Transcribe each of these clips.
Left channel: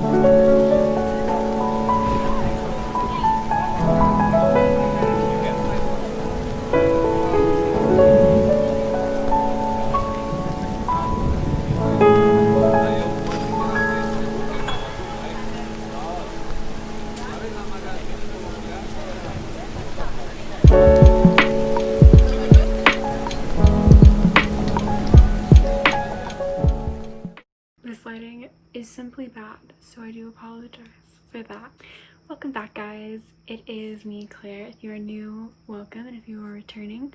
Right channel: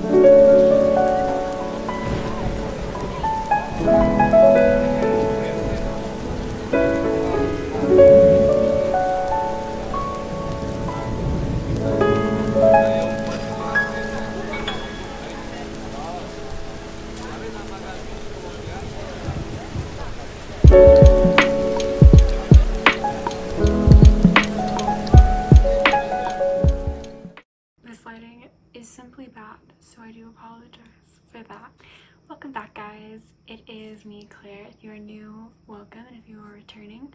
This lighting is simply bad, so I do apologize for that. Welcome back, guys. It is me, Claire. If you are new, welcome, and if you are returning,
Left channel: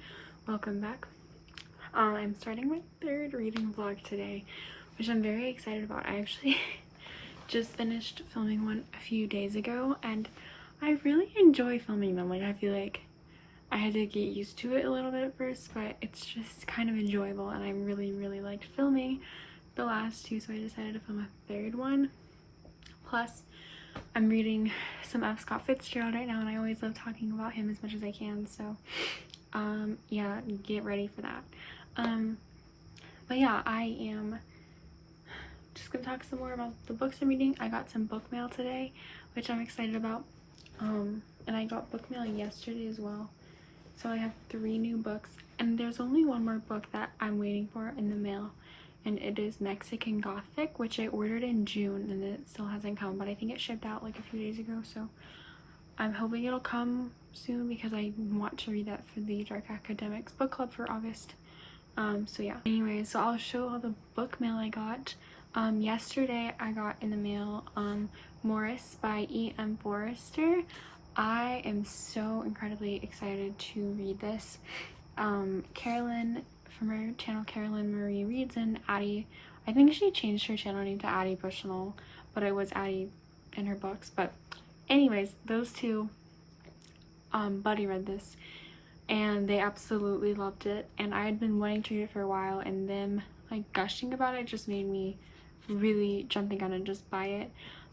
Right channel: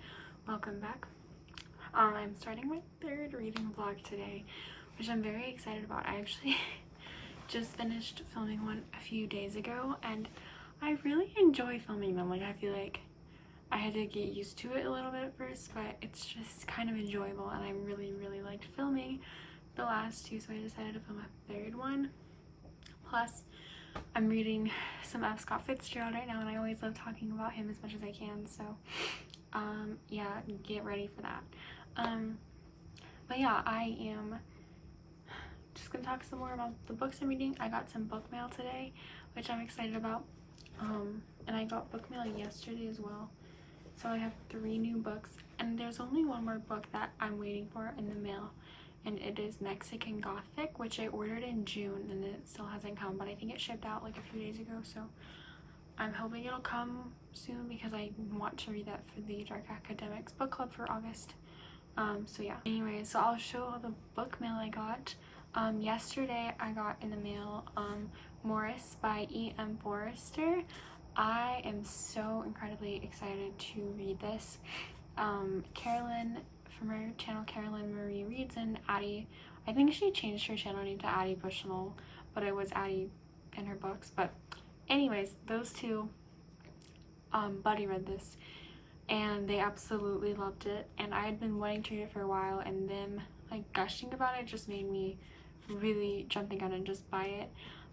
welcome back. I'm starting my third reading vlog today, which I'm very excited about. I actually just finished filming one a few days ago, and I really enjoy filming them. Like, I feel like I had to get used to it a little bit at first, but it's just kind of enjoyable, and I really liked filming the last two, so I decided to film a third one. Plus, I'm reading some F. Scott Fitzgerald right now, and I always love talking about him as much as I can, so yeah, get ready for that. But yeah, I am just gonna talk some more about the books I'm reading. I got some book mail today, which I'm excited about, and I got book mail yesterday as well. So I have 3 new books, and there's only one more book that I'm waiting for in the mail, and it is Mexican Gothic, which I ordered in June, and it still hasn't come, but I think it shipped out like a few days ago, so I'm hoping it'll come soon because I want to read that for the Dark Academics book club for August. So yeah. Anyway, so I'll show all the book mail I got. Yesterday I got in the mail Morris by E.M. Forrester. I am so incredibly excited to read this. Carolyn from her channel, Carolyn Marie Reads, and Addie, I think she changed her channel name to Addie Bushnell, but it was Addie in her books. But anyways, those two, Buddy read this and they absolutely loved it, and I had been wanting to read it for a while, and them like gushing about it just made me really jump the gun and just buy it.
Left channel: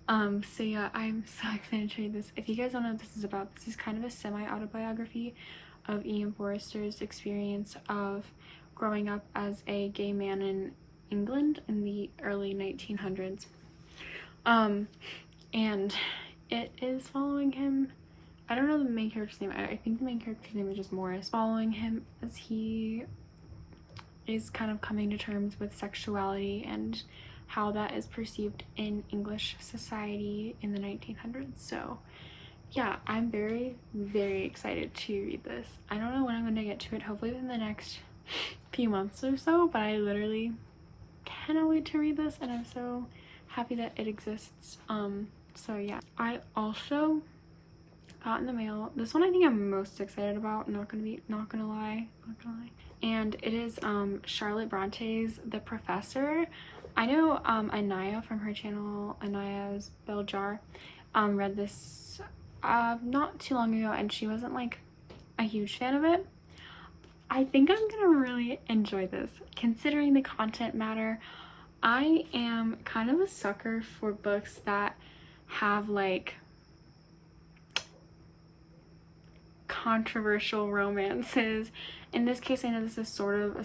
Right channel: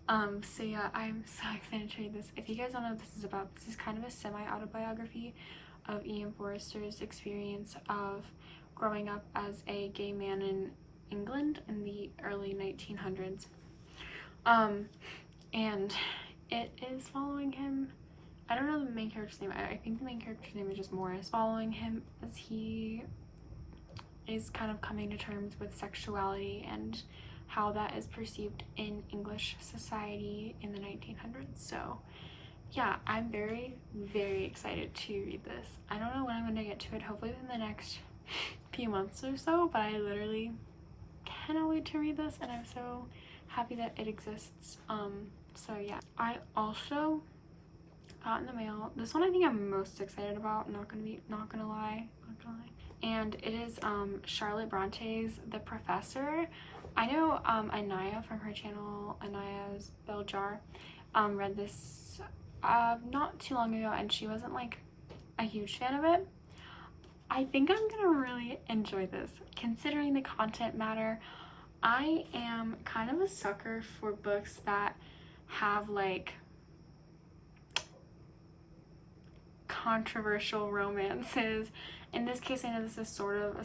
So yeah, I'm so excited to read this. If you guys don't know what this is about, this is kind of a semi-autobiography of E.M. Forrester's experience of growing up as a gay man in England in the early 1900s. And it is following him. I don't know the main character's name. I think the main character's name is just Morris. Following him as he is kind of coming to terms with sexuality and how that is perceived in English society in the 1900s. So yeah, I'm very excited to read this. I don't know when I'm going to get to it, hopefully within the next few months or so, but I literally cannot wait to read this, and I'm so happy that it exists. So yeah, I also got in the mail this one I think I'm most excited about, not gonna lie, and it is Charlotte Bronte's The Professor. I know Anaya from her channel, Anaya's Bell Jar, read this not too long ago, and she wasn't like a huge fan of it. I think I'm gonna really enjoy this considering the content matter. I am kind of a sucker for books that have like controversial romances. In this case, I know this is sort of a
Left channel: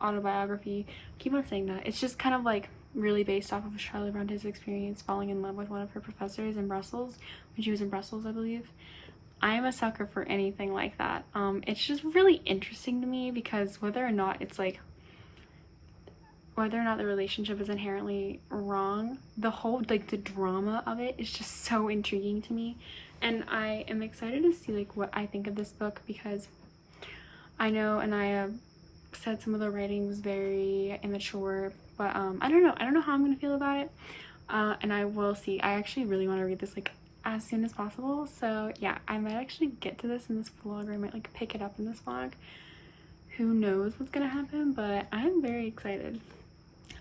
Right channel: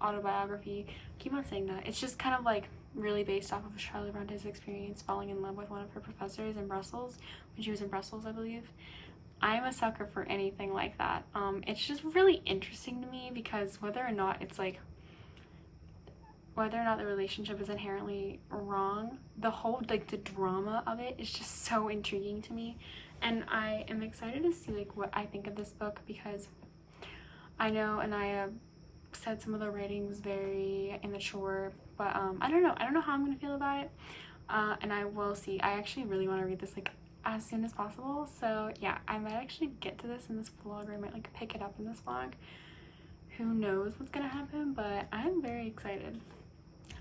autobiography. I keep on saying that. It's just kind of like really based off of Charlotte Bronte's experience falling in love with one of her professors in Brussels when she was in Brussels, I believe. I am a sucker for anything like that. It's just really interesting to me because whether or not the relationship is inherently wrong, the whole like the drama of it is just so intriguing to me, and I am excited to see like what I think of this book, because I know Anaya said some of the writing was very immature, but I don't know how I'm gonna feel about it, and I will see. I actually really want to read this like as soon as possible, so yeah, I might actually get to this in this vlog, or I might like pick it up in this vlog. Who knows what's gonna happen, but I'm very excited.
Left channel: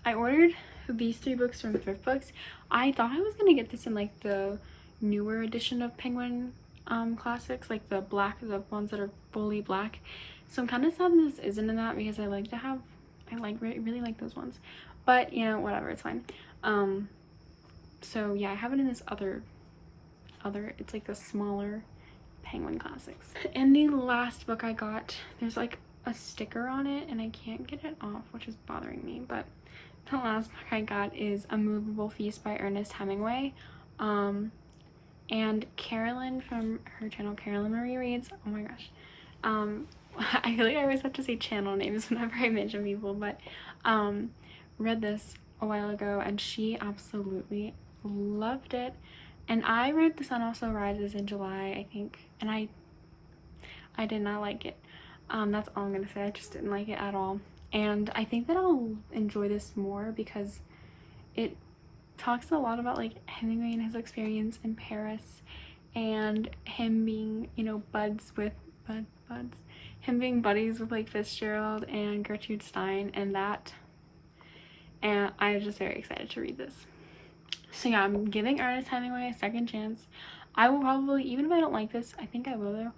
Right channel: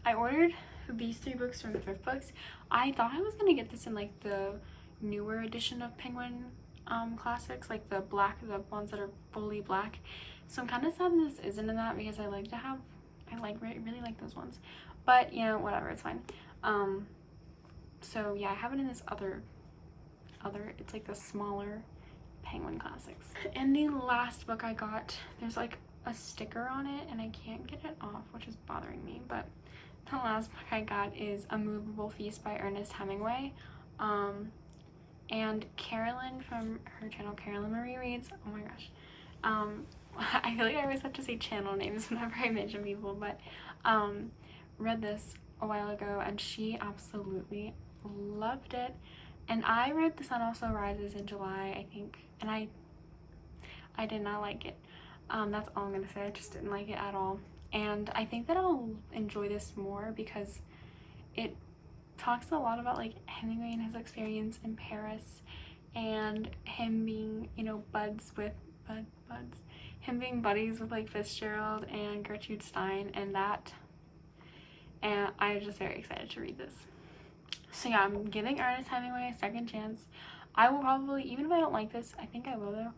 I ordered these 3 books from Thrift Books. I thought I was gonna get this in like the newer edition of Penguin classics, like the ones that are fully black. So I'm kind of sad this isn't in that, because I really like those ones. But you know, whatever, it's fine. So yeah, I have it in this other. It's like the smaller Penguin classics. And the last book I got, there's like a sticker on it and I can't get it off, which is bothering me, but the last book I got is A Movable Feast by Ernest Hemingway. And Carolyn from her channel, Carolyn Marie Reads, oh my gosh. I feel like I always have to say channel names whenever I mention people, but read this a while ago and she absolutely loved it. And I read The Sun Also Rises in July, I think, and I did not like it. That's all I'm gonna say. I just didn't like it at all. And I think that I'll enjoy this more because it talks a lot about like Hemingway and his experience in Paris and him being, you know, him being buddies with like Fitzgerald and Gertrude Stein and that. And I'm just very excited to read this. So yeah, I'm giving Ernest Hemingway a second chance. I will probably, even if I don't like this, I think I will though.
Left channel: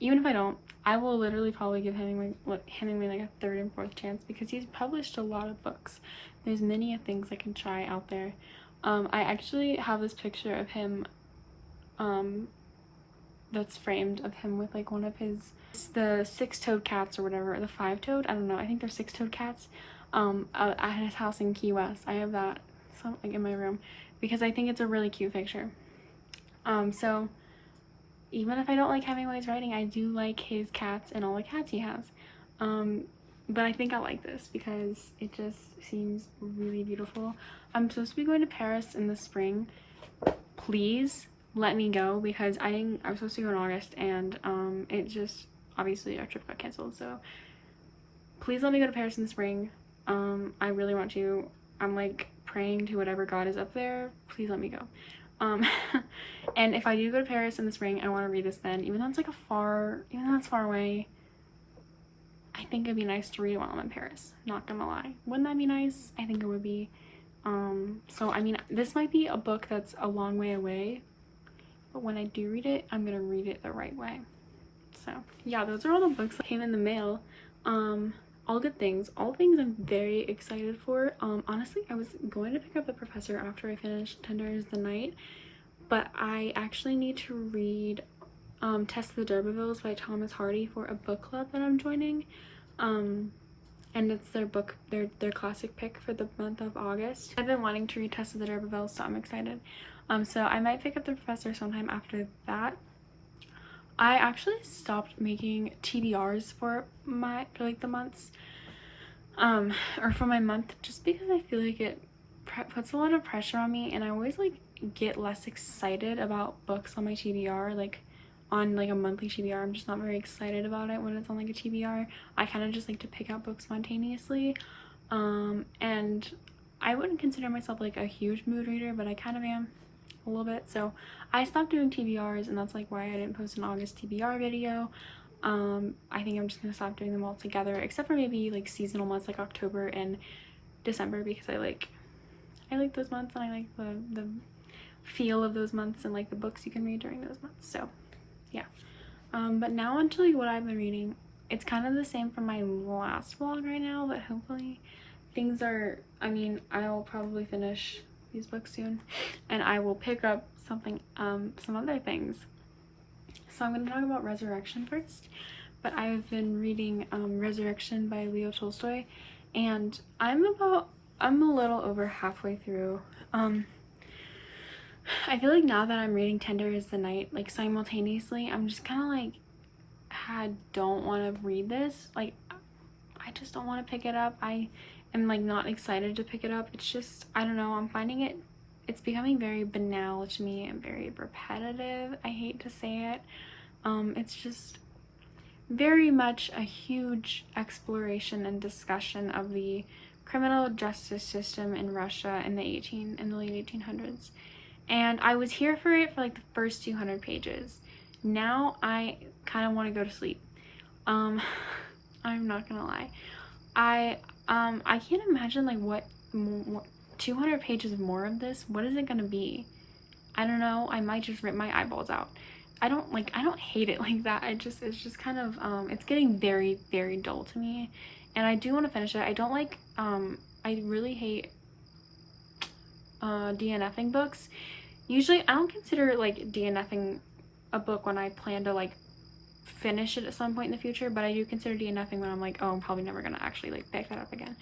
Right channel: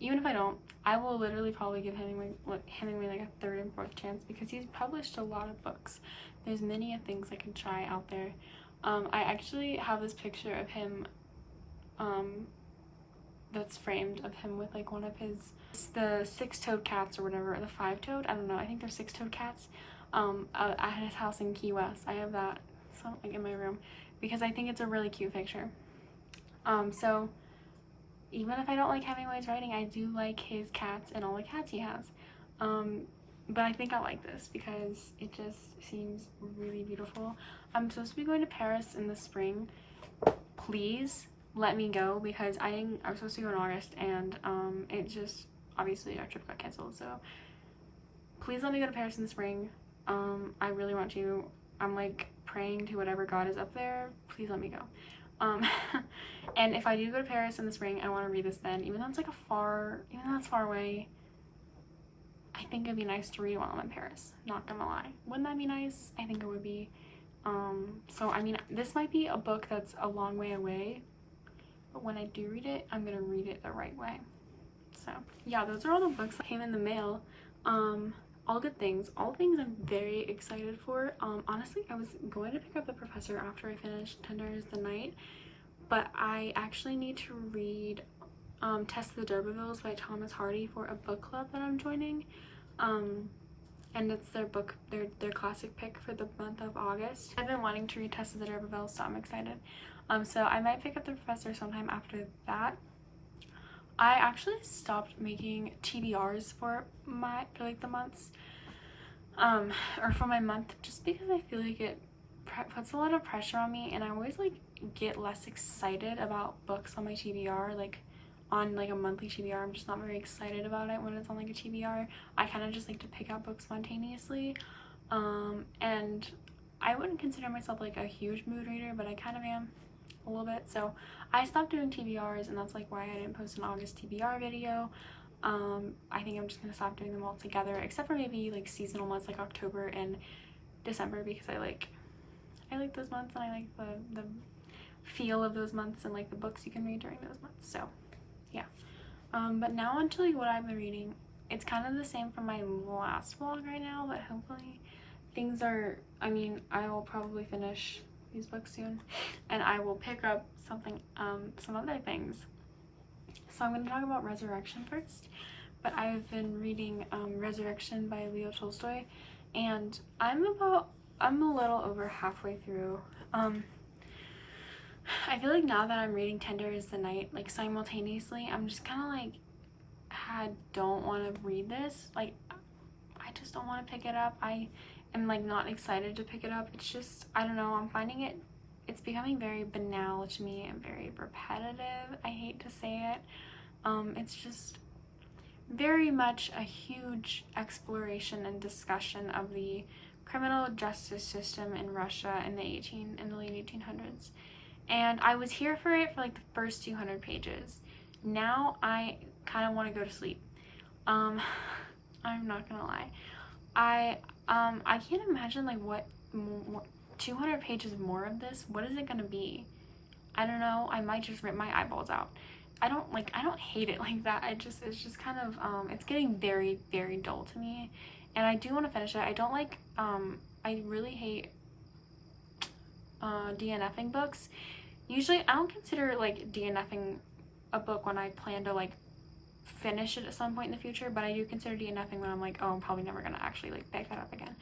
Even if I don't, I will literally probably give Hemingway like a third and fourth chance because he's published a lot of books. There's many things I can try out there. I actually have this picture of him that's framed of him with like one of his, the six-toed cats or whatever, or the five-toed, I don't know, I think they're six-toed cats, at his house in Key West. I have that like in my room because I think it's a really cute picture. So even if I don't like Hemingway's writing, I do like his cats and all the cats he has. But I think I like this because it just seems really beautiful. I'm supposed to be going to Paris in the spring. Please let me go because I was supposed to go in August and it just, obviously our trip got canceled. So please let me go to Paris in the spring. I really want to. I'm like praying to whatever God is up there. Please let me go. And if I do go to Paris in the spring, I want to read this then, even though it's like even though it's far away. I think it'd be nice to read while I'm in Paris, not gonna lie. Wouldn't that be nice? I think it would be. So I mean, this might be a book that's a long way away, but when I do read it, I'm gonna read it the right way. So yeah, those are all the books that came in the mail. All good things, all things I'm very excited for. Honestly, I was going to pick up The Professor after I finished Tender is the Night, but I actually need to read Test of the D'Urbervilles by Thomas Hardy for a book club that I'm joining. And it's their book, their classic pick for the month of August. I've been wanting to read Test of the D'Urbervilles, so I'm excited. So I might pick up The Professor sometime after that. I actually stopped making TBRs for like the months, or for my month, just because I feel like it puts a lot of pressure on me, and I always like get less excited about books on my TBR, like on like a monthly TBR. I'm just not very excited about it when it's on like a TBR. I kind of just like to pick out books spontaneously, and I wouldn't consider myself like a huge mood reader, but I kind of am a little bit. So I stopped doing TBRs, and that's like why I didn't post an August TBR video. I think I'm just gonna stop doing them all together, except for maybe like seasonal months like October and December, because I like those months, and I like the feel of those months and like the books you can read during those months. So yeah, but now on to like what I've been reading. It's kind of the same from my last vlog right now, but hopefully things are, I mean, I'll probably finish these books soon and I will pick up something, some other things. So I'm going to talk about Resurrection first, but I've been reading Resurrection by Leo Tolstoy, and I'm a little over halfway through. I feel like now that I'm reading Tender is the Night, like simultaneously, I'm just kind of like, I don't want to read this. Like, I just don't want to pick it up. I am like not excited to pick it up. It's just, I don't know, I'm finding it's becoming very banal to me and very repetitive. I hate to say it. It's just very much a huge exploration and discussion of the criminal justice system in Russia in the late 1800s. And I was here for it for like the first 200 pages. Now I kind of want to go to sleep. I'm not gonna lie. I can't imagine like what 200 pages more of this, what is it gonna be? I don't know. I might just rip my eyeballs out. I don't hate it like that. It's just kind of it's getting very, very dull to me, and I do want to finish it. I don't like I really hate DNFing books. Usually I don't consider like DNFing a book when I plan to like finish it at some point in the future, but I do consider DNFing when I'm like, oh, I'm probably never gonna actually like pick that up again.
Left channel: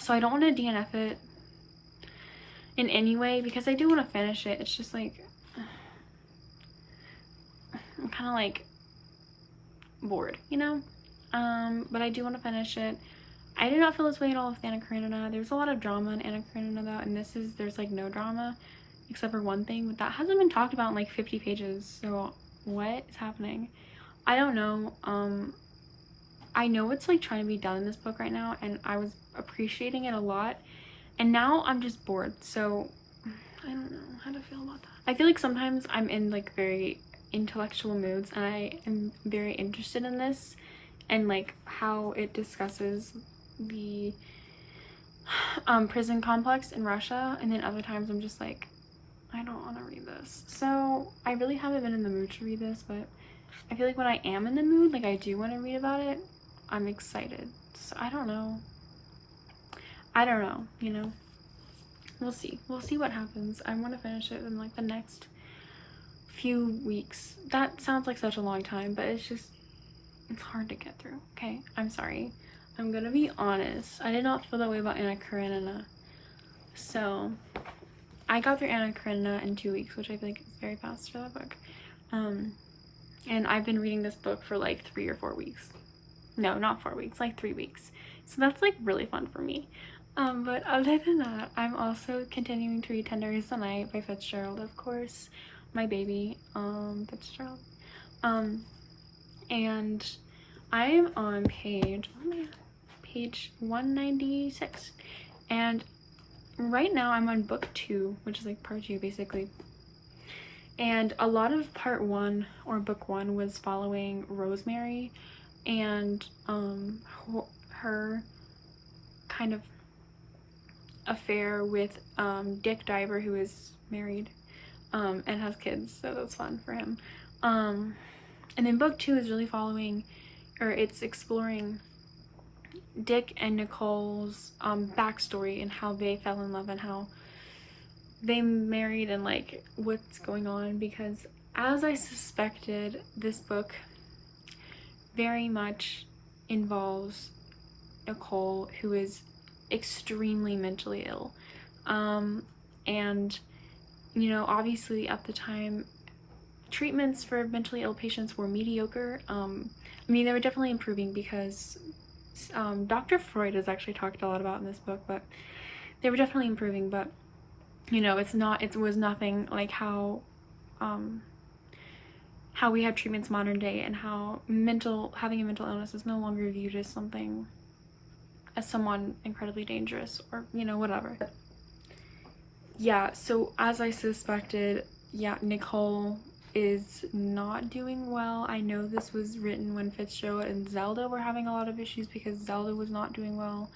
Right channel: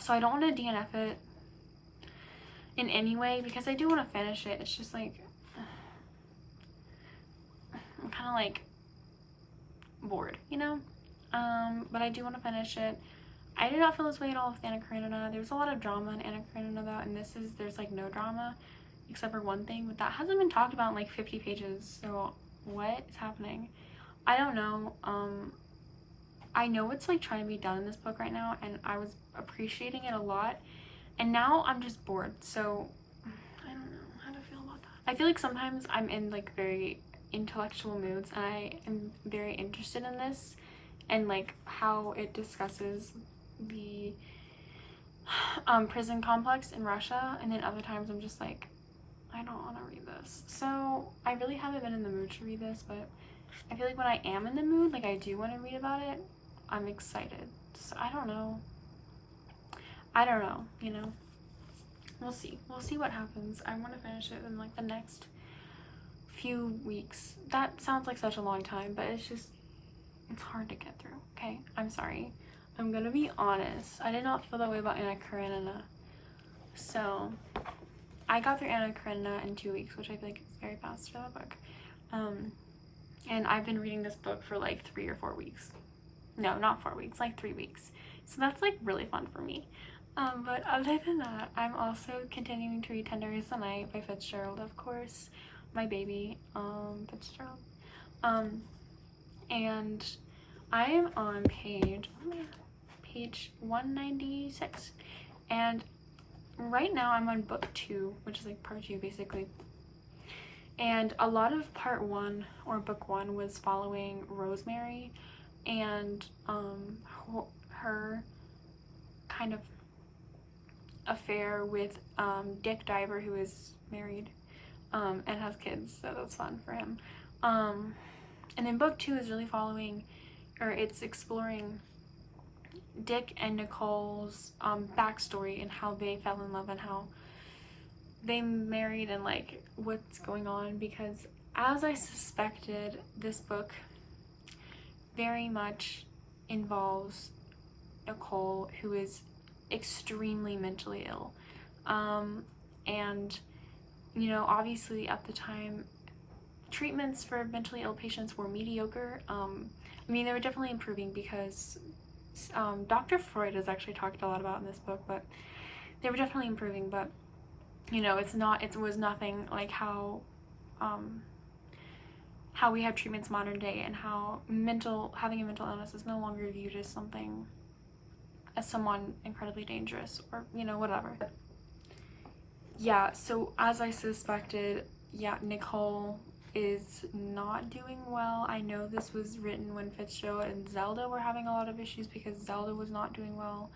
So I don't want to DNF it in any way because I do want to finish it. It's just like I'm kind of like bored, you know? But I do want to finish it. I did not feel this way at all with Anna Karenina. There's a lot of drama in Anna Karenina though, and there's like no drama except for one thing, but that hasn't been talked about in like 50 pages. So what is happening? I don't know. I know it's like trying to be done in this book right now, and I was appreciating it a lot, and now I'm just bored. So I don't know how to feel about that. I feel like sometimes I'm in like very intellectual moods, and I am very interested in this and like how it discusses the prison complex in Russia, and then other times I'm just like, I don't want to read this. So I really haven't been in the mood to read this, but I feel like when I am in the mood, like I do want to read about it, I'm excited. So I don't know, you know, we'll see what happens. I want to finish it in like the next few weeks. That sounds like such a long time, but it's hard to get through. Okay, I'm sorry, I'm gonna be honest, I did not feel that way about Anna Karenina. So I got through Anna Karenina in 2 weeks, which I feel like is very fast for that book. And I've been reading this book for like 3 or 4 weeks. No, not 4 weeks, like 3 weeks. So that's like really fun for me. But other than that, I'm also continuing to read Tender Is the Night by Fitzgerald, of course. My baby, Fitzgerald. And I am on page 196. And right now I'm on book 2, which is like part 2 basically. And a lot of part 1 or book 1 was following Rosemary and her kind of affair with Dick Diver, who is married and has kids, so that's fun for him. And then book 2 is really following, or it's exploring Dick and Nicole's backstory and how they fell in love and how they married and like what's going on, because as I suspected, this book very much involves Nicole, who is extremely mentally ill. And you know, obviously at the time treatments for mentally ill patients were mediocre. I mean, they were definitely improving because Dr. Freud has actually talked a lot about in this book, but they were definitely improving. But you know, it was nothing like how we have treatments modern day, and how having a mental illness is no longer viewed as someone incredibly dangerous, or you know, whatever. Yeah, so as I suspected, yeah, Nicole is not doing well. I know this was written when Fitzgerald and Zelda were having a lot of issues because Zelda was not doing well.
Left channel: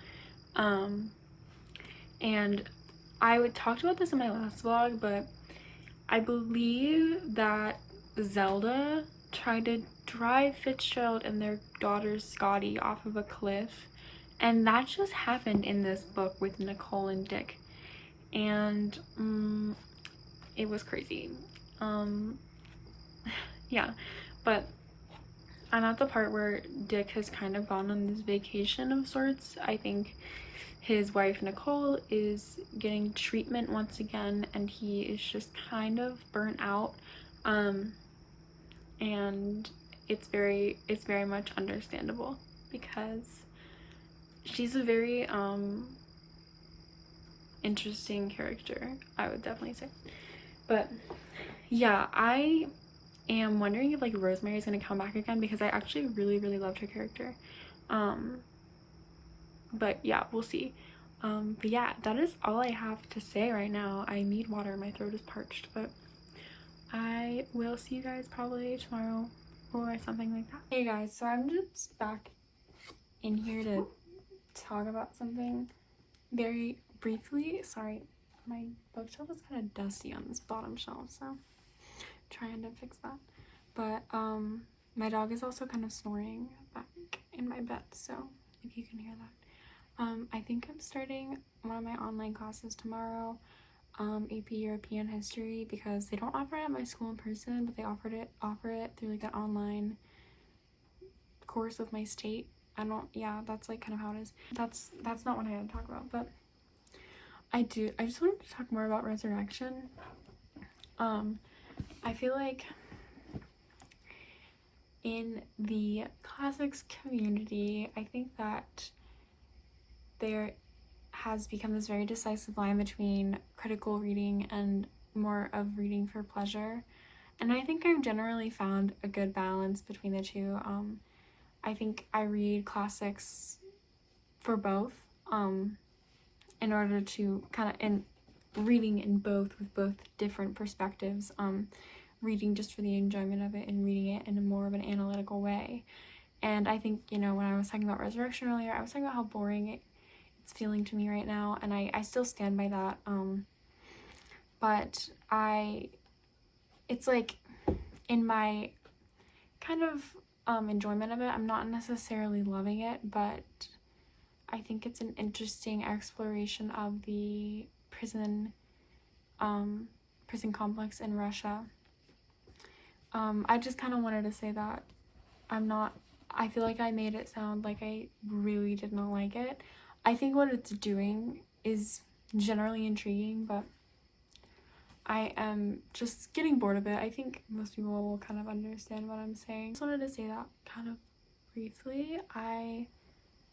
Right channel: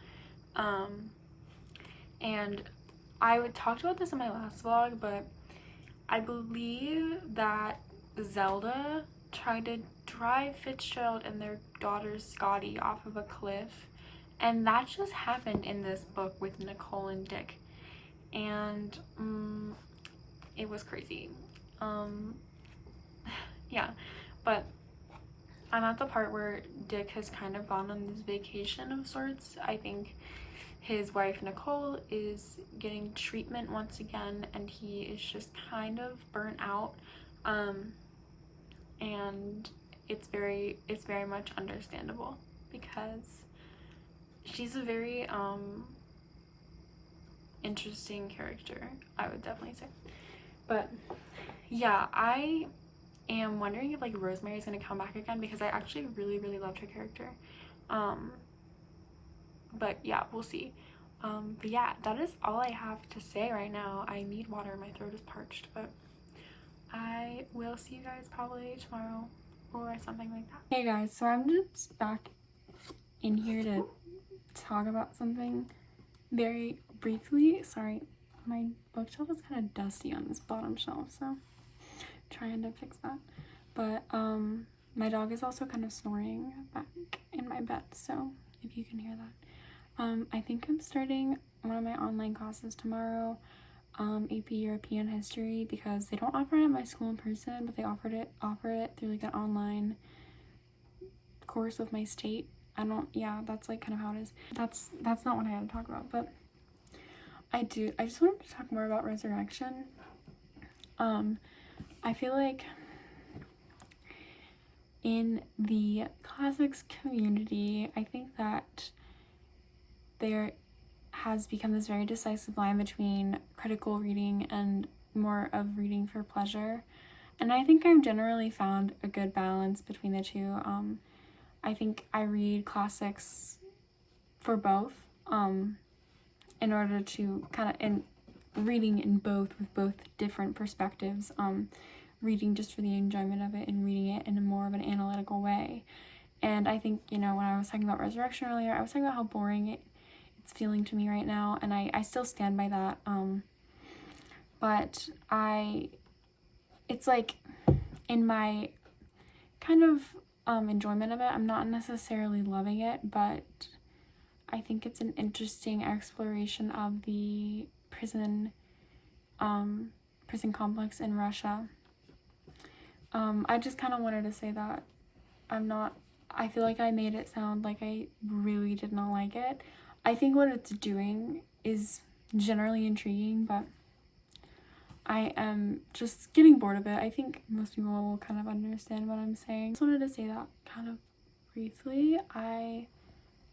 And I talked about this in my last vlog, but I believe that Zelda tried to drive Fitzgerald and their daughter Scotty off of a cliff, and that just happened in this book with Nicole and Dick, and it was crazy. Yeah, but I'm at the part where Dick has kind of gone on this vacation of sorts. I think his wife Nicole is getting treatment once again, and he is just kind of burnt out, and it's very much understandable because she's a very interesting character, I would definitely say. But yeah, I am wondering if like Rosemary is going to come back again, because I actually really loved her character. But yeah, we'll see. But yeah, that is all I have to say right now. I need water, my throat is parched, but I will see you guys probably tomorrow or something like that. Hey guys, so I'm just back in here to talk about something very briefly. Sorry, my bookshelf is kind of dusty on this bottom shelf, so I'm trying to fix that. But my dog is also kind of snoring back in my bed, so if you can hear that. I think I'm starting one of my online classes tomorrow, AP European History, because they don't offer it at my school in person, but they offer it through like an online course of my state, that's like kind of how it is. That's not what I had to talk about, but I just wanted to talk more about resurrection. I feel like in the classics community, I think that there has become this very decisive line between critical reading and more of reading for pleasure. And I think I've generally found a good balance between the two. I think I read classics for both, in order to kind of, and reading in both with both different perspectives, reading just for the enjoyment of it and reading it in a more of an analytical way. And I think, when I was talking about resurrection earlier, I was talking about how boring it's feeling to me right now, and I still stand by that. But it's like in my kind of enjoyment of it, I'm not necessarily loving it, but I think it's an interesting exploration of the prison complex in Russia. I just kind of wanted to say that I feel like I made it sound like I really did not like it. I think what it's doing is generally intriguing, but I am just getting bored of it. I think most people will kind of understand what I'm saying. I just wanted to say that kind of briefly. I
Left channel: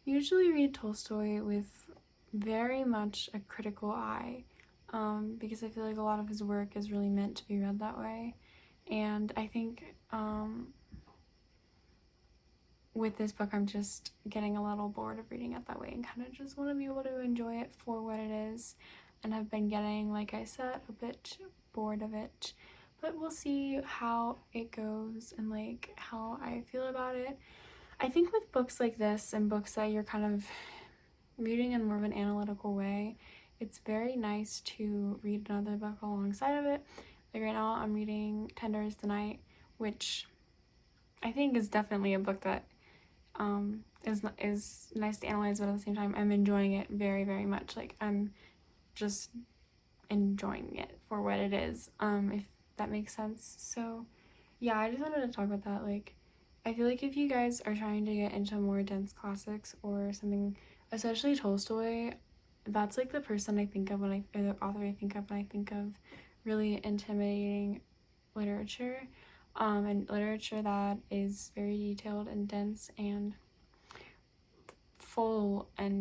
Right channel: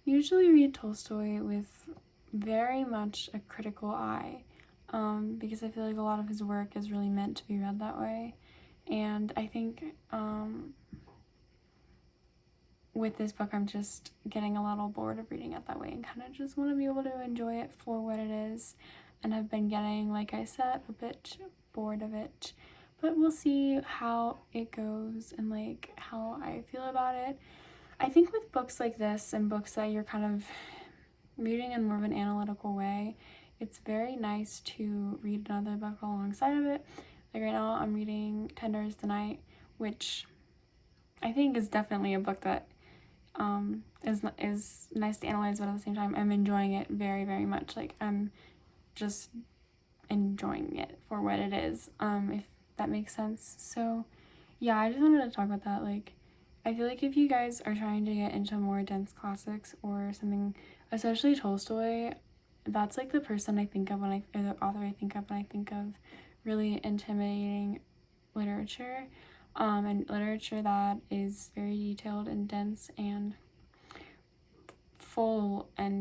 usually read Tolstoy with very much a critical eye, because I feel like a lot of his work is really meant to be read that way. And I think with this book, I'm just getting a little bored of reading it that way and kind of just want to be able to enjoy it for what it is, and have been getting, like I said, a bit bored of it. But we'll see how it goes and like how I feel about it. I think with books like this and books that you're kind of reading in more of an analytical way, it's very nice to read another book alongside of it. Like right now I'm reading Tender is the Night, which I think is definitely a book that is nice to analyze, but at the same time I'm enjoying it very, very much. Like I'm just enjoying it for what it is, if that makes sense. So yeah, I just wanted to talk about that. Like I feel like if you guys are trying to get into more dense classics or something, especially Tolstoy, that's like the person I think of or the author I think of when I think of really intimidating literature, and literature that is very detailed and dense and full of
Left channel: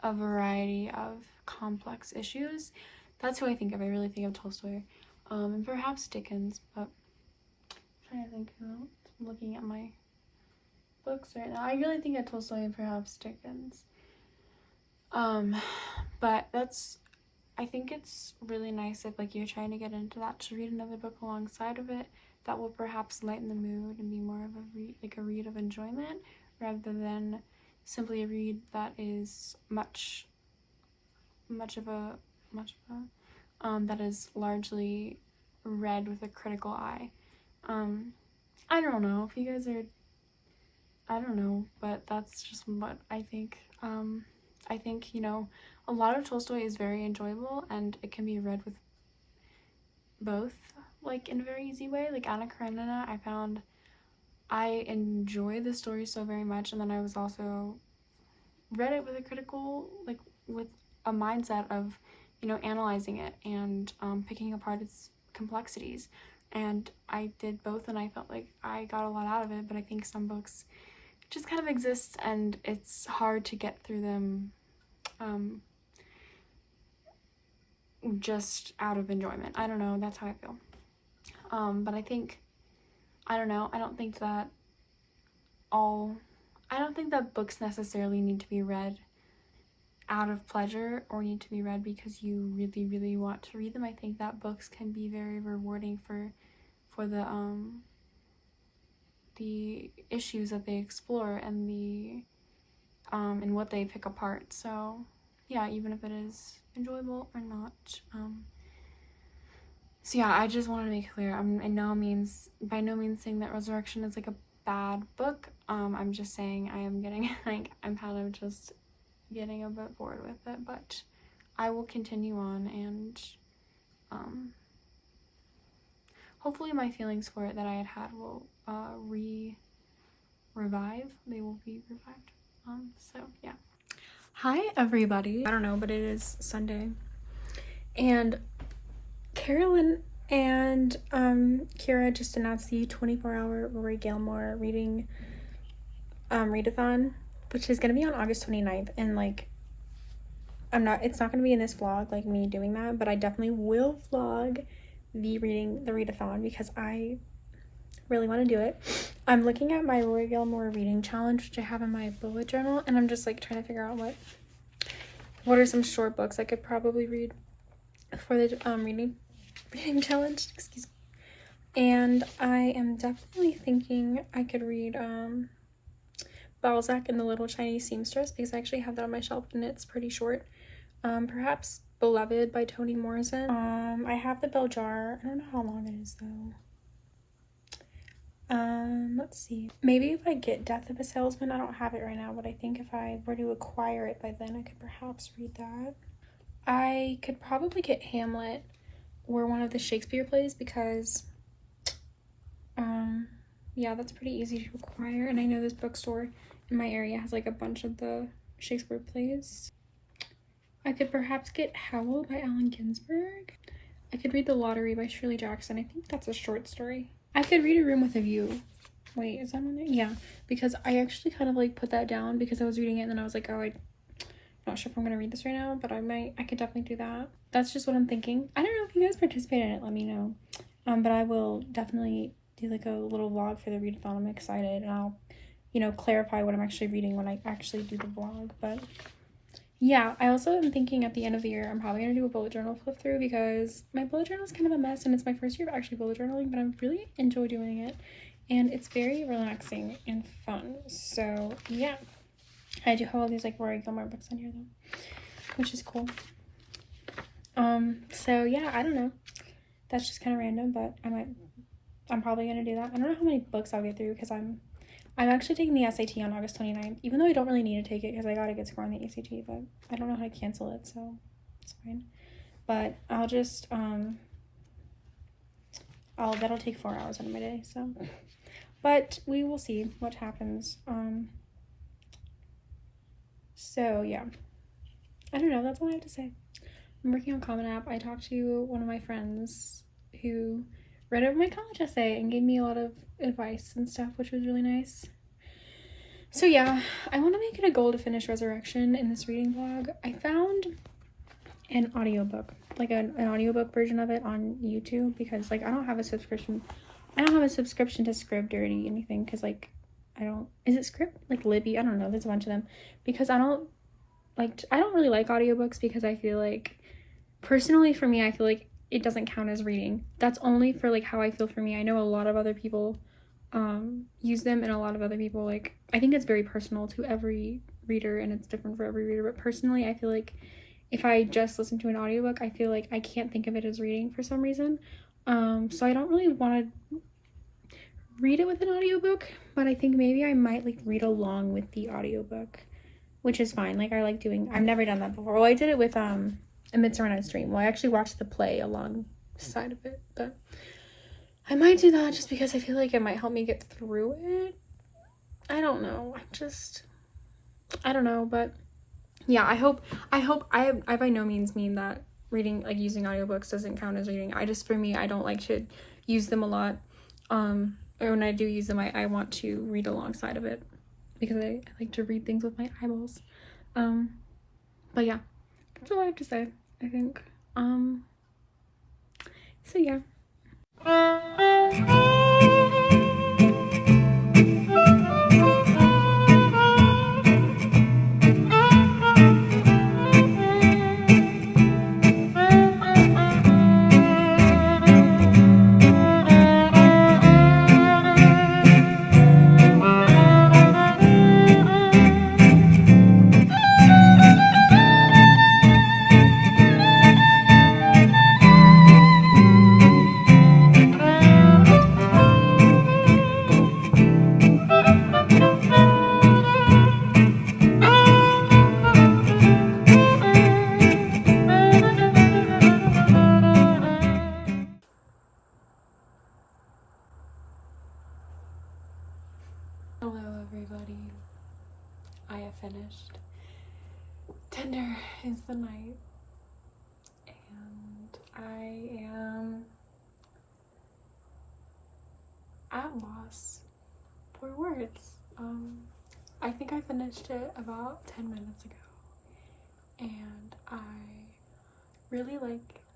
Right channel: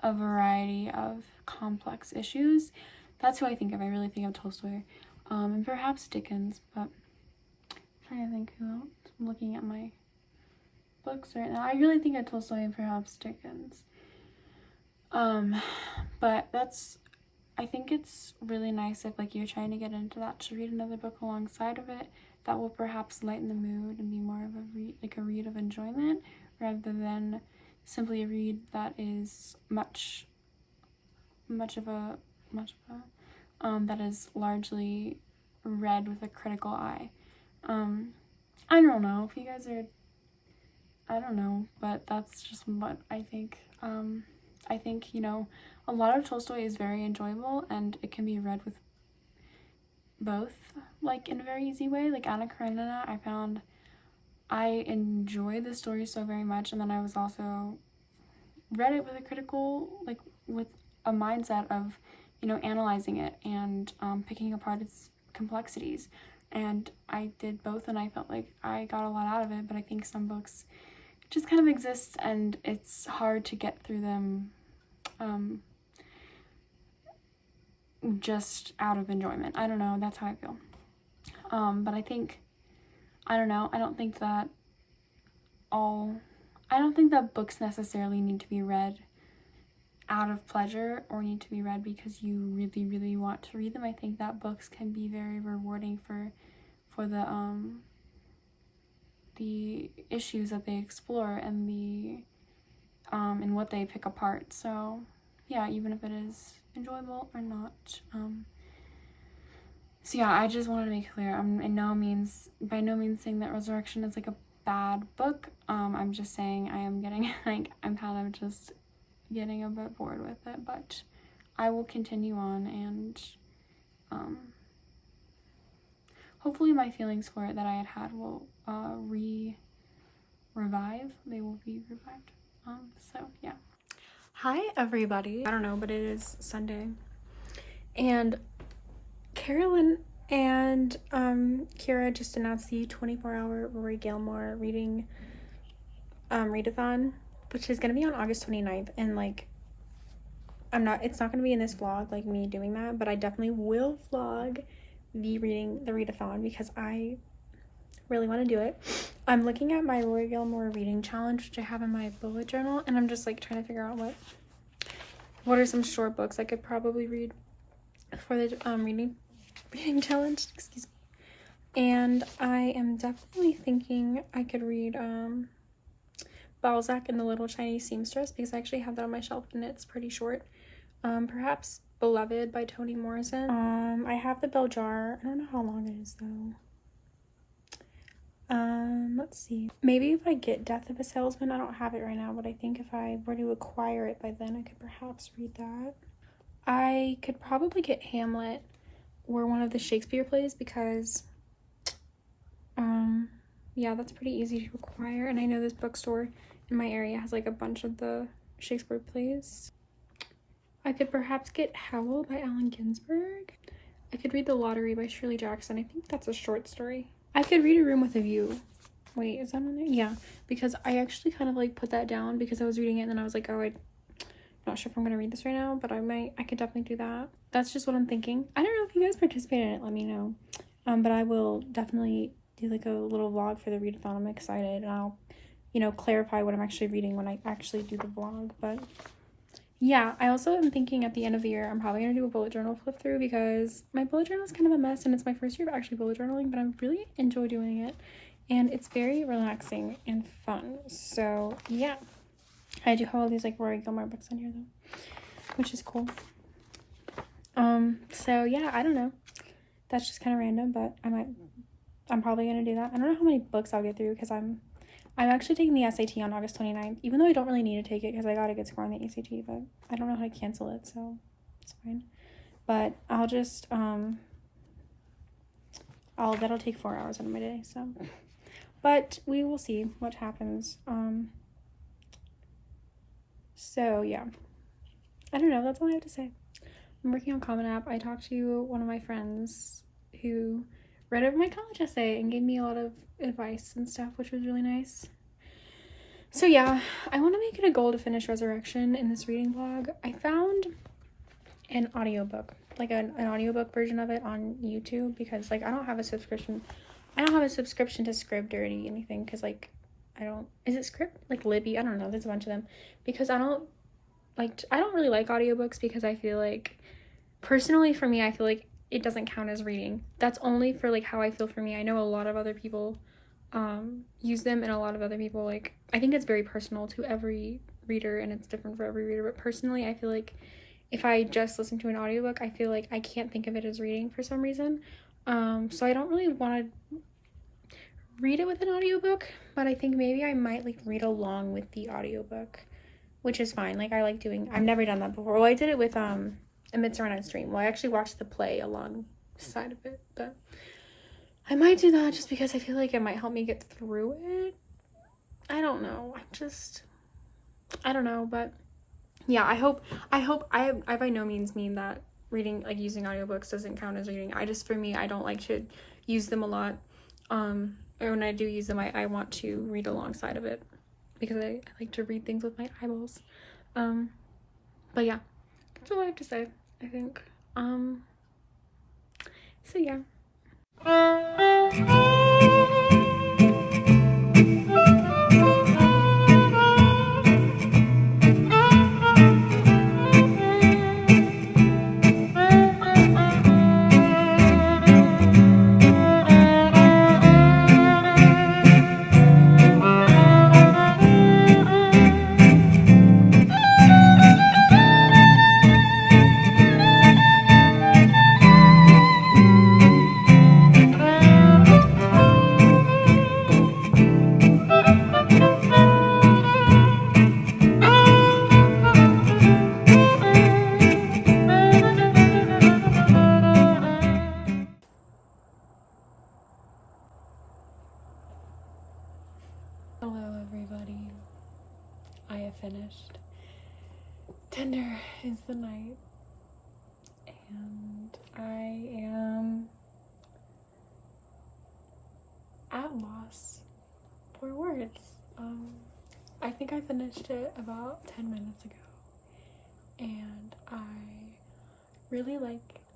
a variety of complex issues. That's who I think of. I really think of Tolstoy, and perhaps Dickens, but I'm trying to think who else. I'm looking at my books right now. I really think of Tolstoy and perhaps Dickens. But I think it's really nice if like you're trying to get into that, to read another book alongside of it that will perhaps lighten the mood and be more of a read of enjoyment, rather than simply a read that is much that is largely read with a critical eye. I don't know if you guys are, I don't know, but that's just what I think. I think, a lot of Tolstoy is very enjoyable and it can be read with both, like in a very easy way. Like Anna Karenina, I found I enjoy the story so very much, and then I was also read it with a critical, like with a mindset of, analyzing it and picking apart its complexities. And I did both, and I felt like I got a lot out of it. But I think some books just kind of exist and it's hard to get through them just out of enjoyment. I don't know, that's how I feel. But I think, I don't know, I don't think that books necessarily need to be read out of pleasure or need to be read because you really, really want to read them. I think that books can be very rewarding for the issues that they explore and and what they pick apart. So yeah, even if it is enjoyable or not. So yeah, I just wanted to make clear, I'm by no means saying that Resurrection is like a bad book. I'm just saying I am getting I'm kind of just getting a bit bored with it, but I will continue on, and hopefully my feelings for it that I had will revive, they will be revived. So yeah. Hi everybody. I don't know, but it is Sunday, and Carolyn and Kira just announced the 24-hour Rory Gilmore reading readathon, which is gonna be on August 29th, and like it's not gonna be in this vlog, like me doing that, but I definitely will vlog the readathon because I really want to do it. I'm looking at my Rory Gilmore reading challenge, which I have in my bullet journal, and I'm just like trying to figure out what are some short books I could probably read for the reading challenge, excuse me. And I am definitely thinking I could read Balzac and the Little Chinese Seamstress, because I actually have that on my shelf and it's pretty short. Perhaps Beloved by Toni Morrison. I have the Bell Jar. I don't know how long it is though. Let's see. Maybe if I get Death of a Salesman, I don't have it right now, but I think if I were to acquire it by then, I could perhaps read that. I could probably get Hamlet or one of the Shakespeare plays because, yeah, that's pretty easy to acquire. And I know this bookstore in my area has like a bunch of the Shakespeare plays. I could perhaps get Howl by Allen Ginsberg. I could read The Lottery by Shirley Jackson. I think that's a short story. I could read A Room with a View. Wait, is that on there? Yeah, because I actually kind of like put that down because I was reading it and then I was like, oh, I'm not sure if I'm gonna read this right now, but I could definitely do that. That's just what I'm thinking. I don't know if you guys participate in it, let me know. But I will definitely do like a little vlog for the readathon. I'm excited, and I'll, clarify what I'm actually reading when I actually do the vlog. But yeah, I also am thinking at the end of the year, I'm probably going to do a bullet journal flip through because my bullet journal is kind of a mess and it's my first year of actually bullet journaling, but I really enjoy doing it and it's very relaxing and fun. So yeah, I do have all these like Rory Gilmore books on here though, which is cool. So yeah, I don't know. That's just kind of random, but I'm probably going to do that. I don't know how many books I'll get through because I'm actually taking the SAT on August 29th, even though I don't really need to take it because I got a good score on the ACT, but I don't know how to cancel it, so it's fine. But I'll just, that'll take 4 hours out of my day, so. But we will see what happens. So yeah. I don't know, that's all I have to say. I'm working on Common App. I talked to one of my friends who read over my college essay and gave me a lot of advice and stuff, which was really nice. So yeah, I want to make it a goal to finish Resurrection in this reading vlog. I found an audiobook, like an audiobook version of it on YouTube, because like I don't have a subscription to Scribd or anything, because like is it Scribd, like Libby, I don't know, there's a bunch of them, because I don't really like audiobooks because I feel like, personally for me, I feel like it doesn't count as reading. That's only for like how I feel for me. I know a lot of other people use them, and a lot of other people, like, I think it's very personal to every reader and it's different for every reader, but personally I feel like if I just listen to an audiobook, I feel like I can't think of it as reading for some reason. So I don't really want to read it with an audiobook, but I think maybe I might like read along with the audiobook, which is fine. Like, I've never done that before. Well, I did it with A Midsummer Night's Dream. Well, I actually watched the play alongside of it, but I might do that just because I feel like it might help me get through it. I don't know. I don't know, but yeah, I hope I by no means mean that reading, like using audiobooks, doesn't count as reading. For me, I don't like to use them a lot. Or when I do use them, I want to read alongside of it because I like to read things with my eyeballs. But yeah, that's all I have to say, I think. So yeah. finished Tender is the Night, and I am at loss for words. I think I finished it about 10 minutes ago, and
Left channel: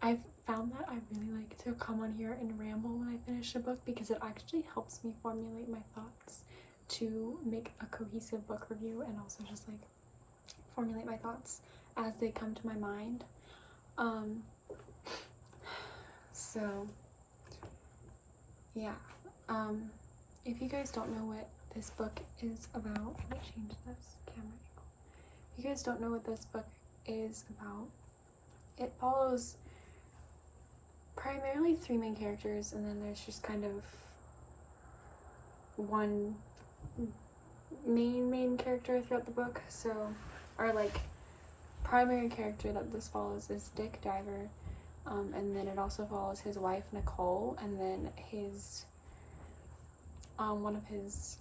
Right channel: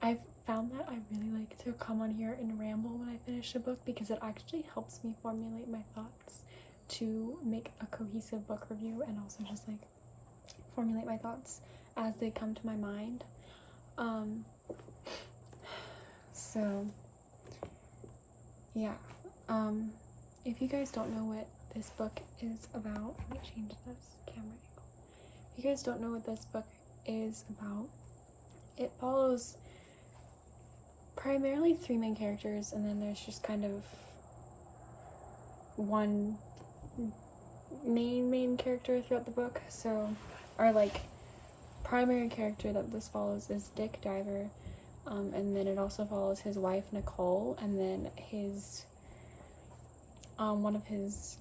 I've found that I really like to come on here and ramble when I finish a book, because it actually helps me formulate my thoughts to make a cohesive book review, and also just like formulate my thoughts as they come to my mind. So yeah, if you guys don't know what this book is about, let me change this camera angle. If you guys don't know what this book is about, it follows primarily 3 main characters, and then there's just kind of one main character throughout the book. So our like primary character that this follows is Dick Diver, and then it also follows his wife Nicole, and then his one of his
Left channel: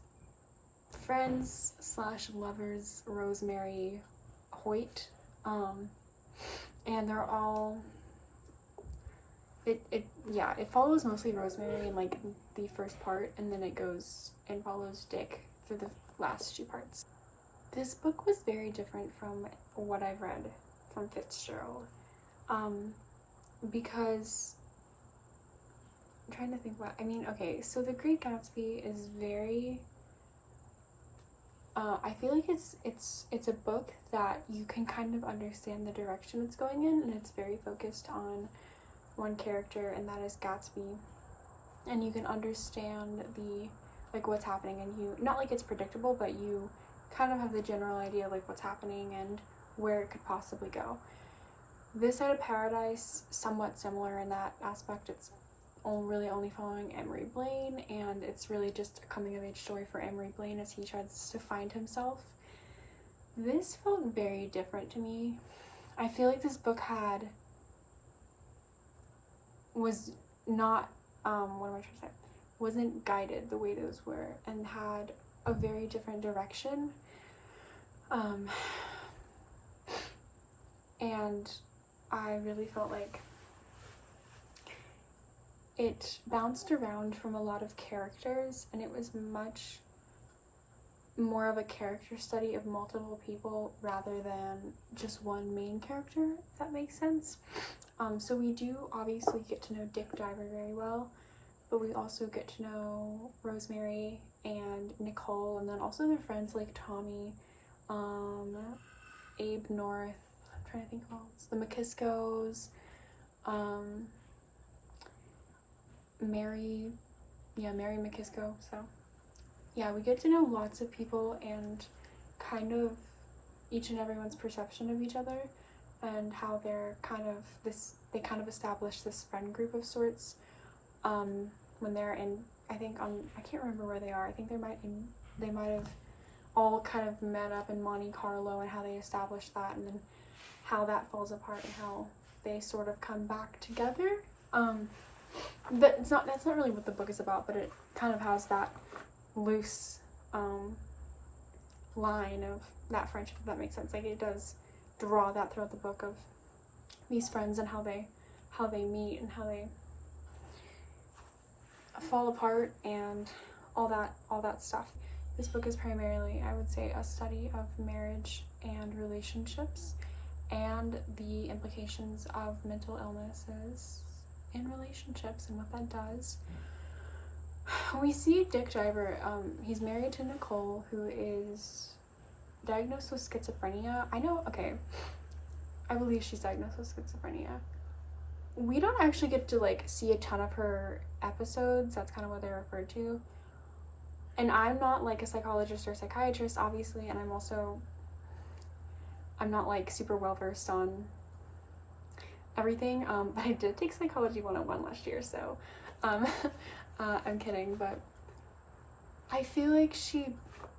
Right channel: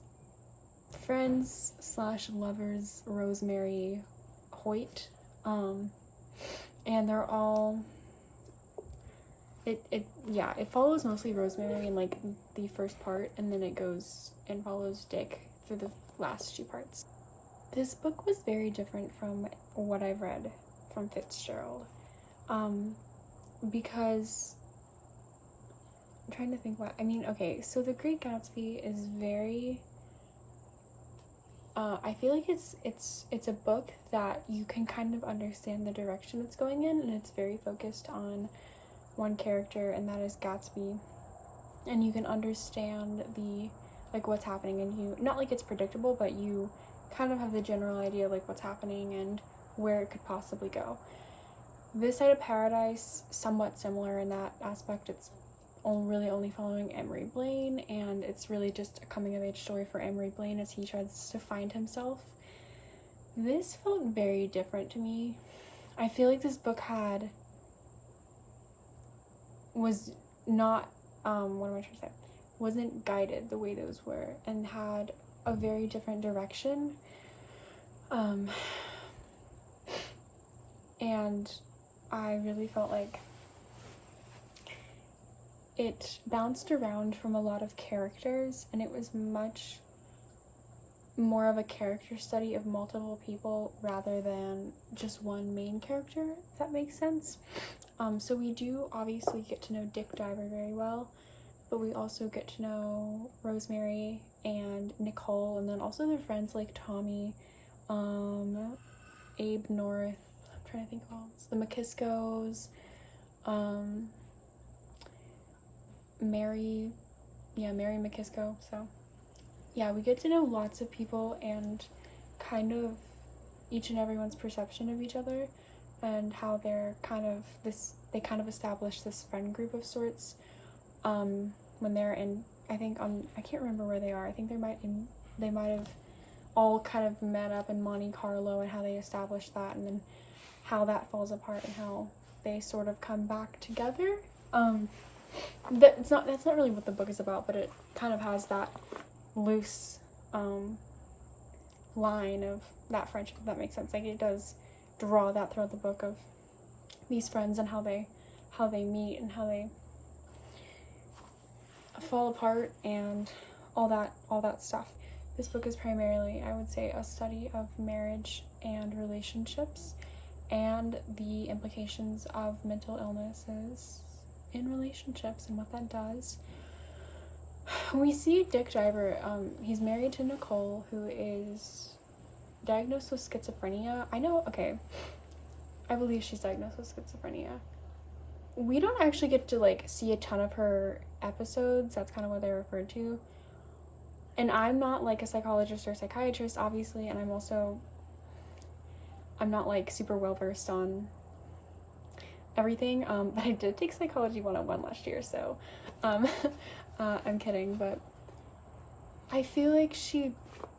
friends slash lovers, Rosemary Hoyt, and they're all it follows mostly Rosemary in like the first part, and then it goes and follows Dick through the last 2 parts. This book was very different from what I've read from Fitzgerald, because I'm trying to think okay, so The Great Gatsby is very, I feel like it's a book that you can kind of understand the direction it's going in, and it's very focused on one character, and that is Gatsby, and you can understand what's happening, and you, not like it's predictable, but you kind of have the general idea of like what's happening and where it could possibly go. This Side of Paradise, somewhat similar in that aspect. It's really only following Emery Blaine, and it's really just a coming of age story for Emery Blaine as he tries to find himself. This felt very different to me. I feel like this book was not, wasn't guided the way those were, and had a very different direction. And I really felt like it bounced around from a lot of characters, and it was much more of a character study of multiple people rather than just one main character, if that makes sense. So we do obviously get to know Dick Diver very well, but we also get to know Rosemary and Nicole, and then also their friends like Tommy, Abe North, I'm trying to think of all this, the McKiskos, Mary McKisko. So yeah, we get to know lots of people and kind of each and everyone's perception of each other, and how they kind of establish this friend group of sorts when they're in, I can't remember where they are. I think they might have all kind of met up in Monte Carlo, and how they established that, and then how that falls apart, and how they sort of come back together. That's not really what the book is about, but it kind of has that loose line of that friendship, if that makes sense. Like, it does draw that throughout the book of these friends and how they meet and how they fall apart and all that stuff. This book is primarily, I would say, a study of marriage and relationships, and the implications of mental illnesses in relationships and what that does. We see Dick Diver, he's married to Nicole, who is diagnosed with schizophrenia. I believe she's diagnosed with schizophrenia. We don't actually get to see a ton of her episodes. That's kind of what they're referred to. And I'm not a psychologist or psychiatrist, obviously, and I'm not super well versed on everything, but I did take Psychology 101 last year, so I'm kidding, but I feel like she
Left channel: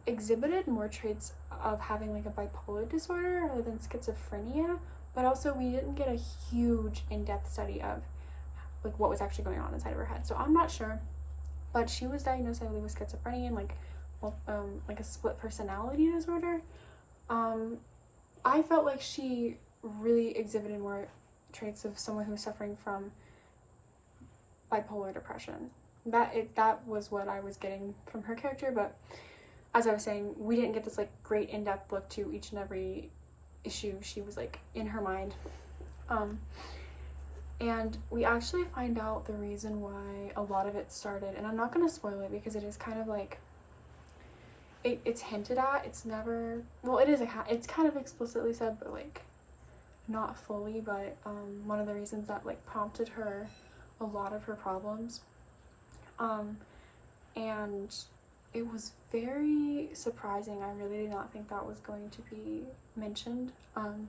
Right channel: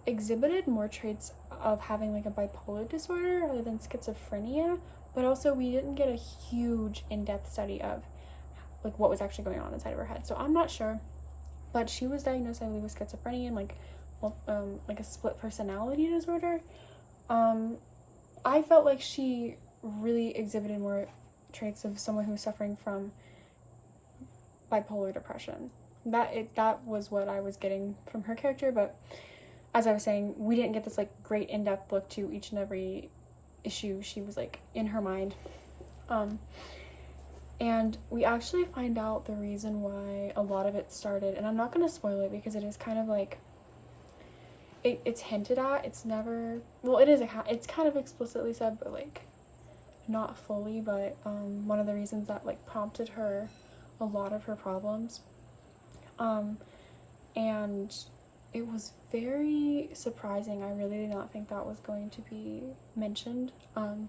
exhibited more traits of having a bipolar disorder rather than schizophrenia, but also we didn't get a huge in-depth study of what was actually going on inside of her head, so I'm not sure. But she was diagnosed, I believe, with schizophrenia and a split personality disorder. I felt like she really exhibited more traits of someone who's suffering from bipolar depression. That was what I was getting from her character, but as I was saying, we didn't get this like great in-depth look to each and every issue she was like in her mind. And we actually find out the reason why a lot of it started, and I'm not going to spoil it because it is kind of like, it's hinted at, it's never, well, it's kind of explicitly said, but like, not fully, but one of the reasons that like prompted her a lot of her problems, and it was very surprising. I really did not think that was going to be mentioned, and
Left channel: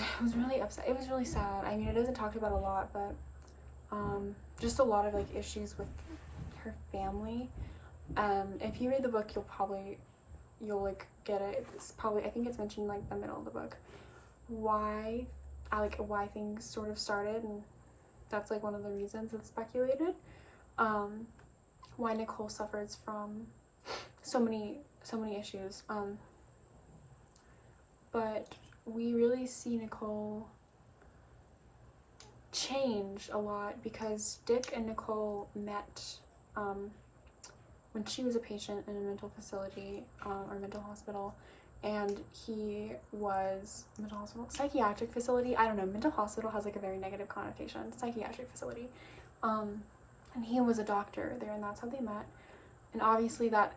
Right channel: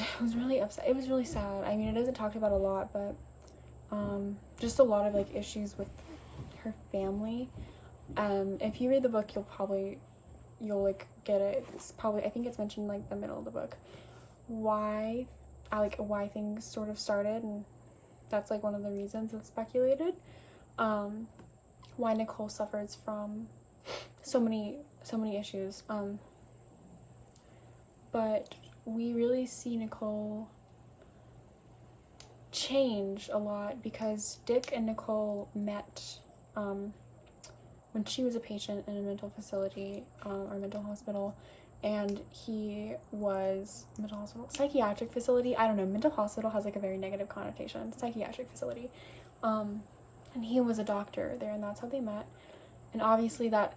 it was really upset. It was really sad. I mean, it isn't talked about a lot, but just a lot of like issues with her family. If you read the book, you'll like get it. It's probably, I think it's mentioned like the middle of the book, why things sort of started, and that's like one of the reasons it's speculated. Why Nicole suffers from so many issues. But we really see Nicole change a lot because Dick and Nicole met when she was a patient in a mental facility or mental hospital, and he was psychiatric facility. I don't know, mental hospital has like a very negative connotation. Psychiatric facility. And he was a doctor there, and that's how they met. And obviously that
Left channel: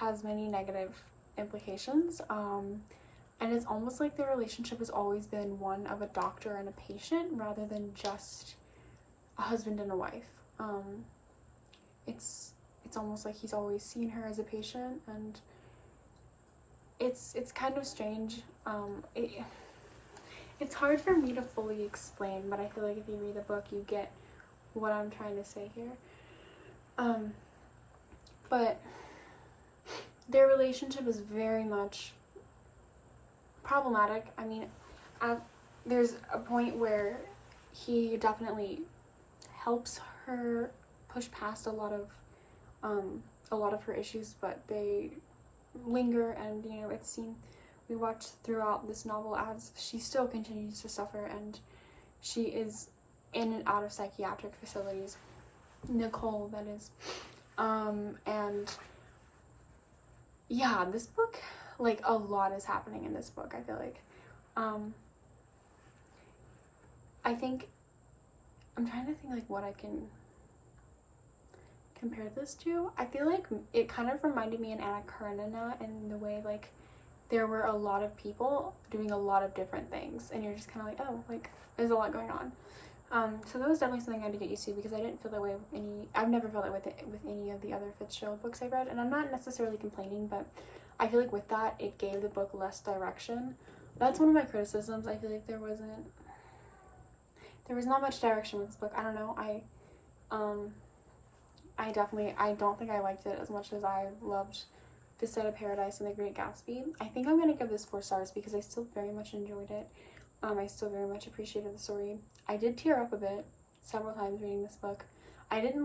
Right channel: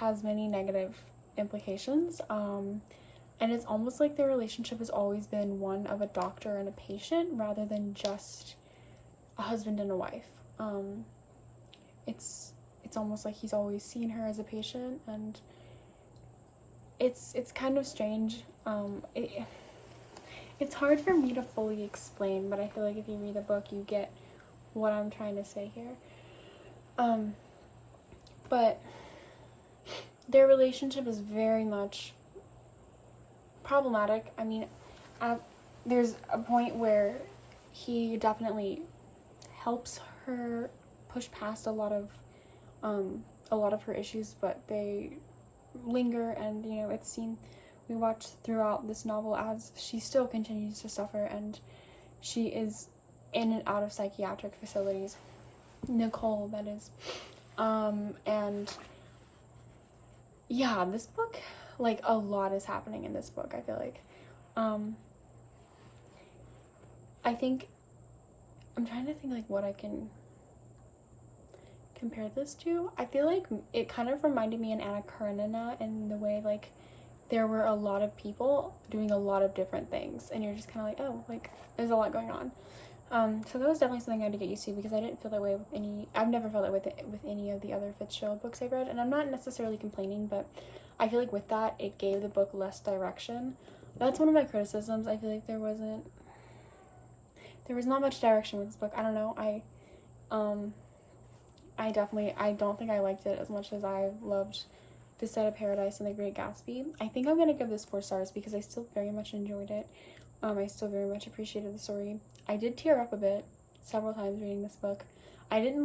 has many negative implications. And it's almost like their relationship has always been one of a doctor and a patient rather than just a husband and a wife. It's almost like he's always seen her as a patient, and it's kind of strange. It's hard for me to fully explain, but I feel like if you read the book, you get what I'm trying to say here. But their relationship is very much problematic. I mean, there's a point where he definitely helps her push past a lot of her issues, but they linger, and you know, it's seen, we watch throughout this novel as she still continues to suffer, and she is in and out of psychiatric facilities. Nicole, that is. And yeah, this book, like, a lot is happening in this book, I feel like. I think, I'm trying to think, like, what I can compare this to. I feel like it kind of reminded me in Anna Karenina in the way, like, there were a lot of people doing a lot of different things, and you're just kind of like, oh, like, there's a lot going on. So that was definitely something I had to get used to, because I didn't feel that way with I've never felt that way with any of the other Fitzgerald books I've read, and I'm not necessarily complaining, but I feel like with that, it gave the book less direction. That's one of my criticisms. I feel like there was not much direction with this book. I don't know, I don't think I liked it as much as I loved This Side of Paradise and The Great Gatsby. I think I'm gonna give this 4 stars because I still very much enjoyed it. I still very much appreciated the story. I did tear up a bit several times reading this book. I didn't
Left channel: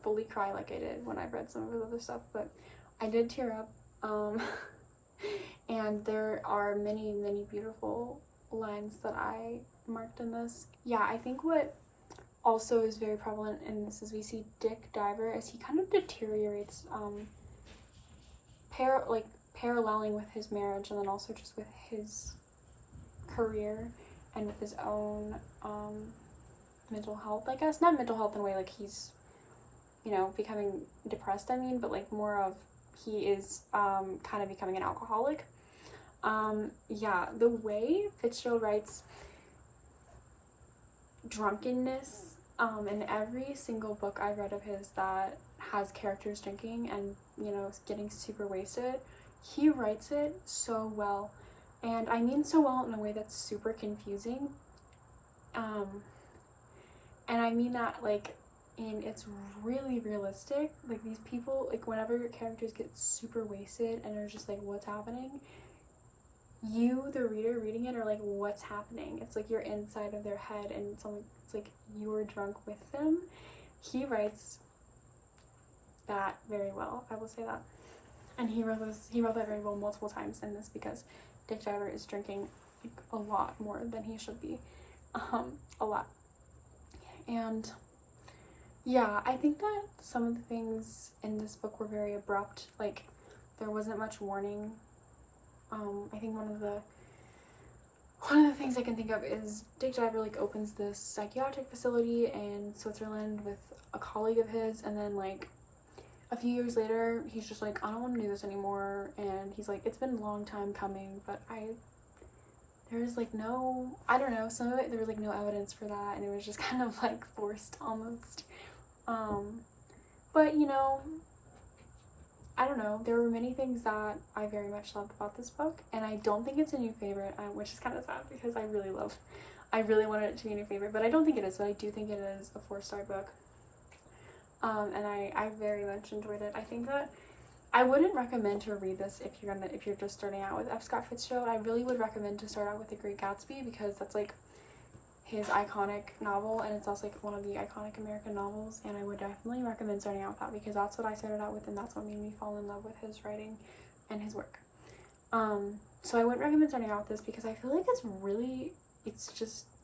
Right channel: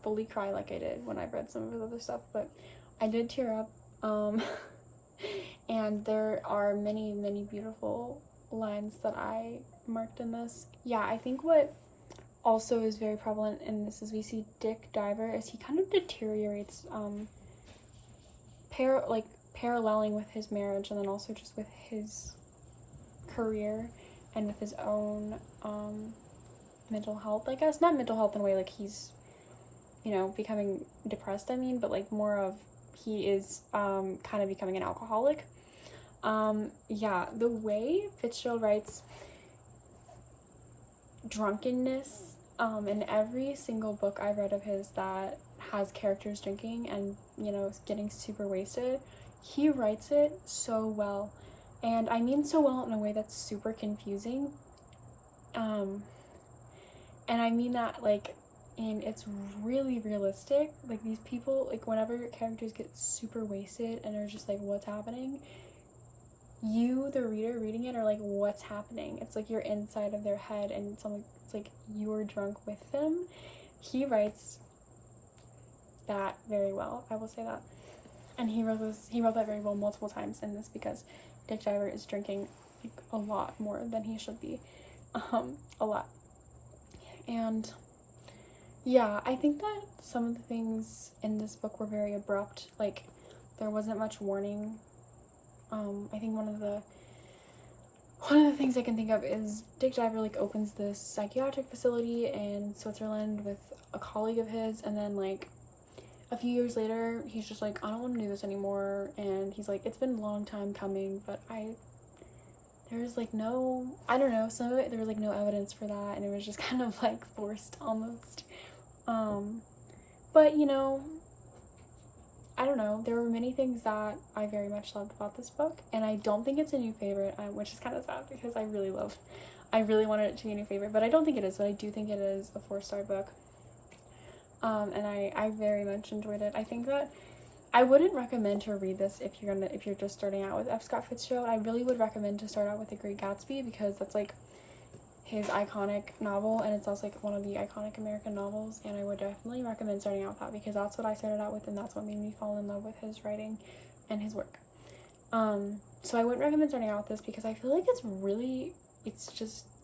fully cry like I did when I've read some of his other stuff, but I did tear up. And there are many, many beautiful lines that I marked in this. Yeah, I think what also is very prevalent in this is we see Dick Diver as he kind of deteriorates, paralleling with his marriage, and then also just with his career and with his own mental health, I guess. Not mental health in a way like he's, you know, becoming depressed, I mean, but like more of he is kind of becoming an alcoholic. Yeah, the way Fitzgerald writes drunkenness, in every single book I've read of his that has characters drinking and, you know, getting super wasted, he writes it so well. And I mean so well in a way that's super confusing. And I mean that, like, it's really realistic. Like, these people, like, whenever characters get super wasted and are just like, what's happening? You, the reader reading it, are like, what's happening? It's like you're inside of their head, and it's like you're drunk with them. He writes that very well, I will say that. And he wrote that very well multiple times in this because Dick Driver is drinking like a lot more than he should be. A lot. And yeah, I think that some of the things in this book were very abrupt. Like, there wasn't much warning. I think one of the things I can think of is Dick Driver like opens this psychiatric facility in Switzerland with a colleague of his, and then like a few years later he's just like, I don't want to do this anymore, and he's like, it's been a long time coming, but there was like no, I don't know, some of it there was like no evidence for that, and it was just kind of like forced almost. But you know, I don't know, there were many things that I very much loved about this book, and I don't think it's a new favorite, which is kind of sad because I really wanted it to be a new favorite, but I don't think it is, but I do think it is a 4-star book. And I very much enjoyed it. I think that I wouldn't recommend to read this if you're just starting out with F. Scott Fitzgerald. I really would recommend to start out with The Great Gatsby because that's like his iconic novel, and it's also like one of the iconic American novels, and I would definitely recommend starting out with that because that's what I started out with, and that's what made me fall in love with his writing and his work. So I wouldn't recommend starting out with this because I feel like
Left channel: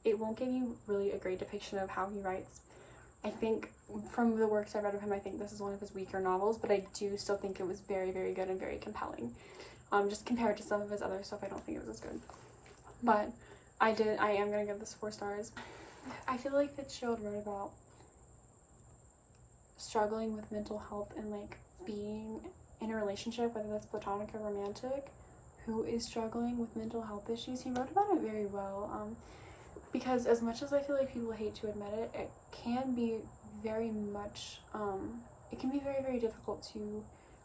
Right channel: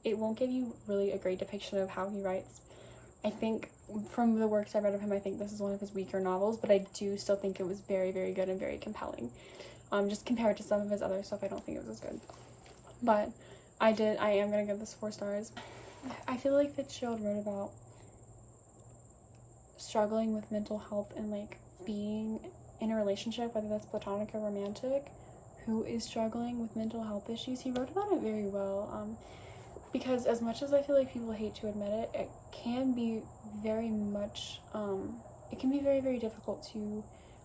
it won't give you really a great depiction of how he writes. I think from the works I read of him, I think this is one of his weaker novels, but I do still think it was very, very good and very compelling. Just compared to some of his other stuff, I don't think it was as good. But I am gonna give this 4 stars. I feel like Fitzgerald wrote about struggling with mental health and like being in a relationship, whether that's platonic or romantic, who is struggling with mental health issues. He wrote about it very well. Because as much as I feel like people hate to admit it, it can be very much, it can be very, very difficult to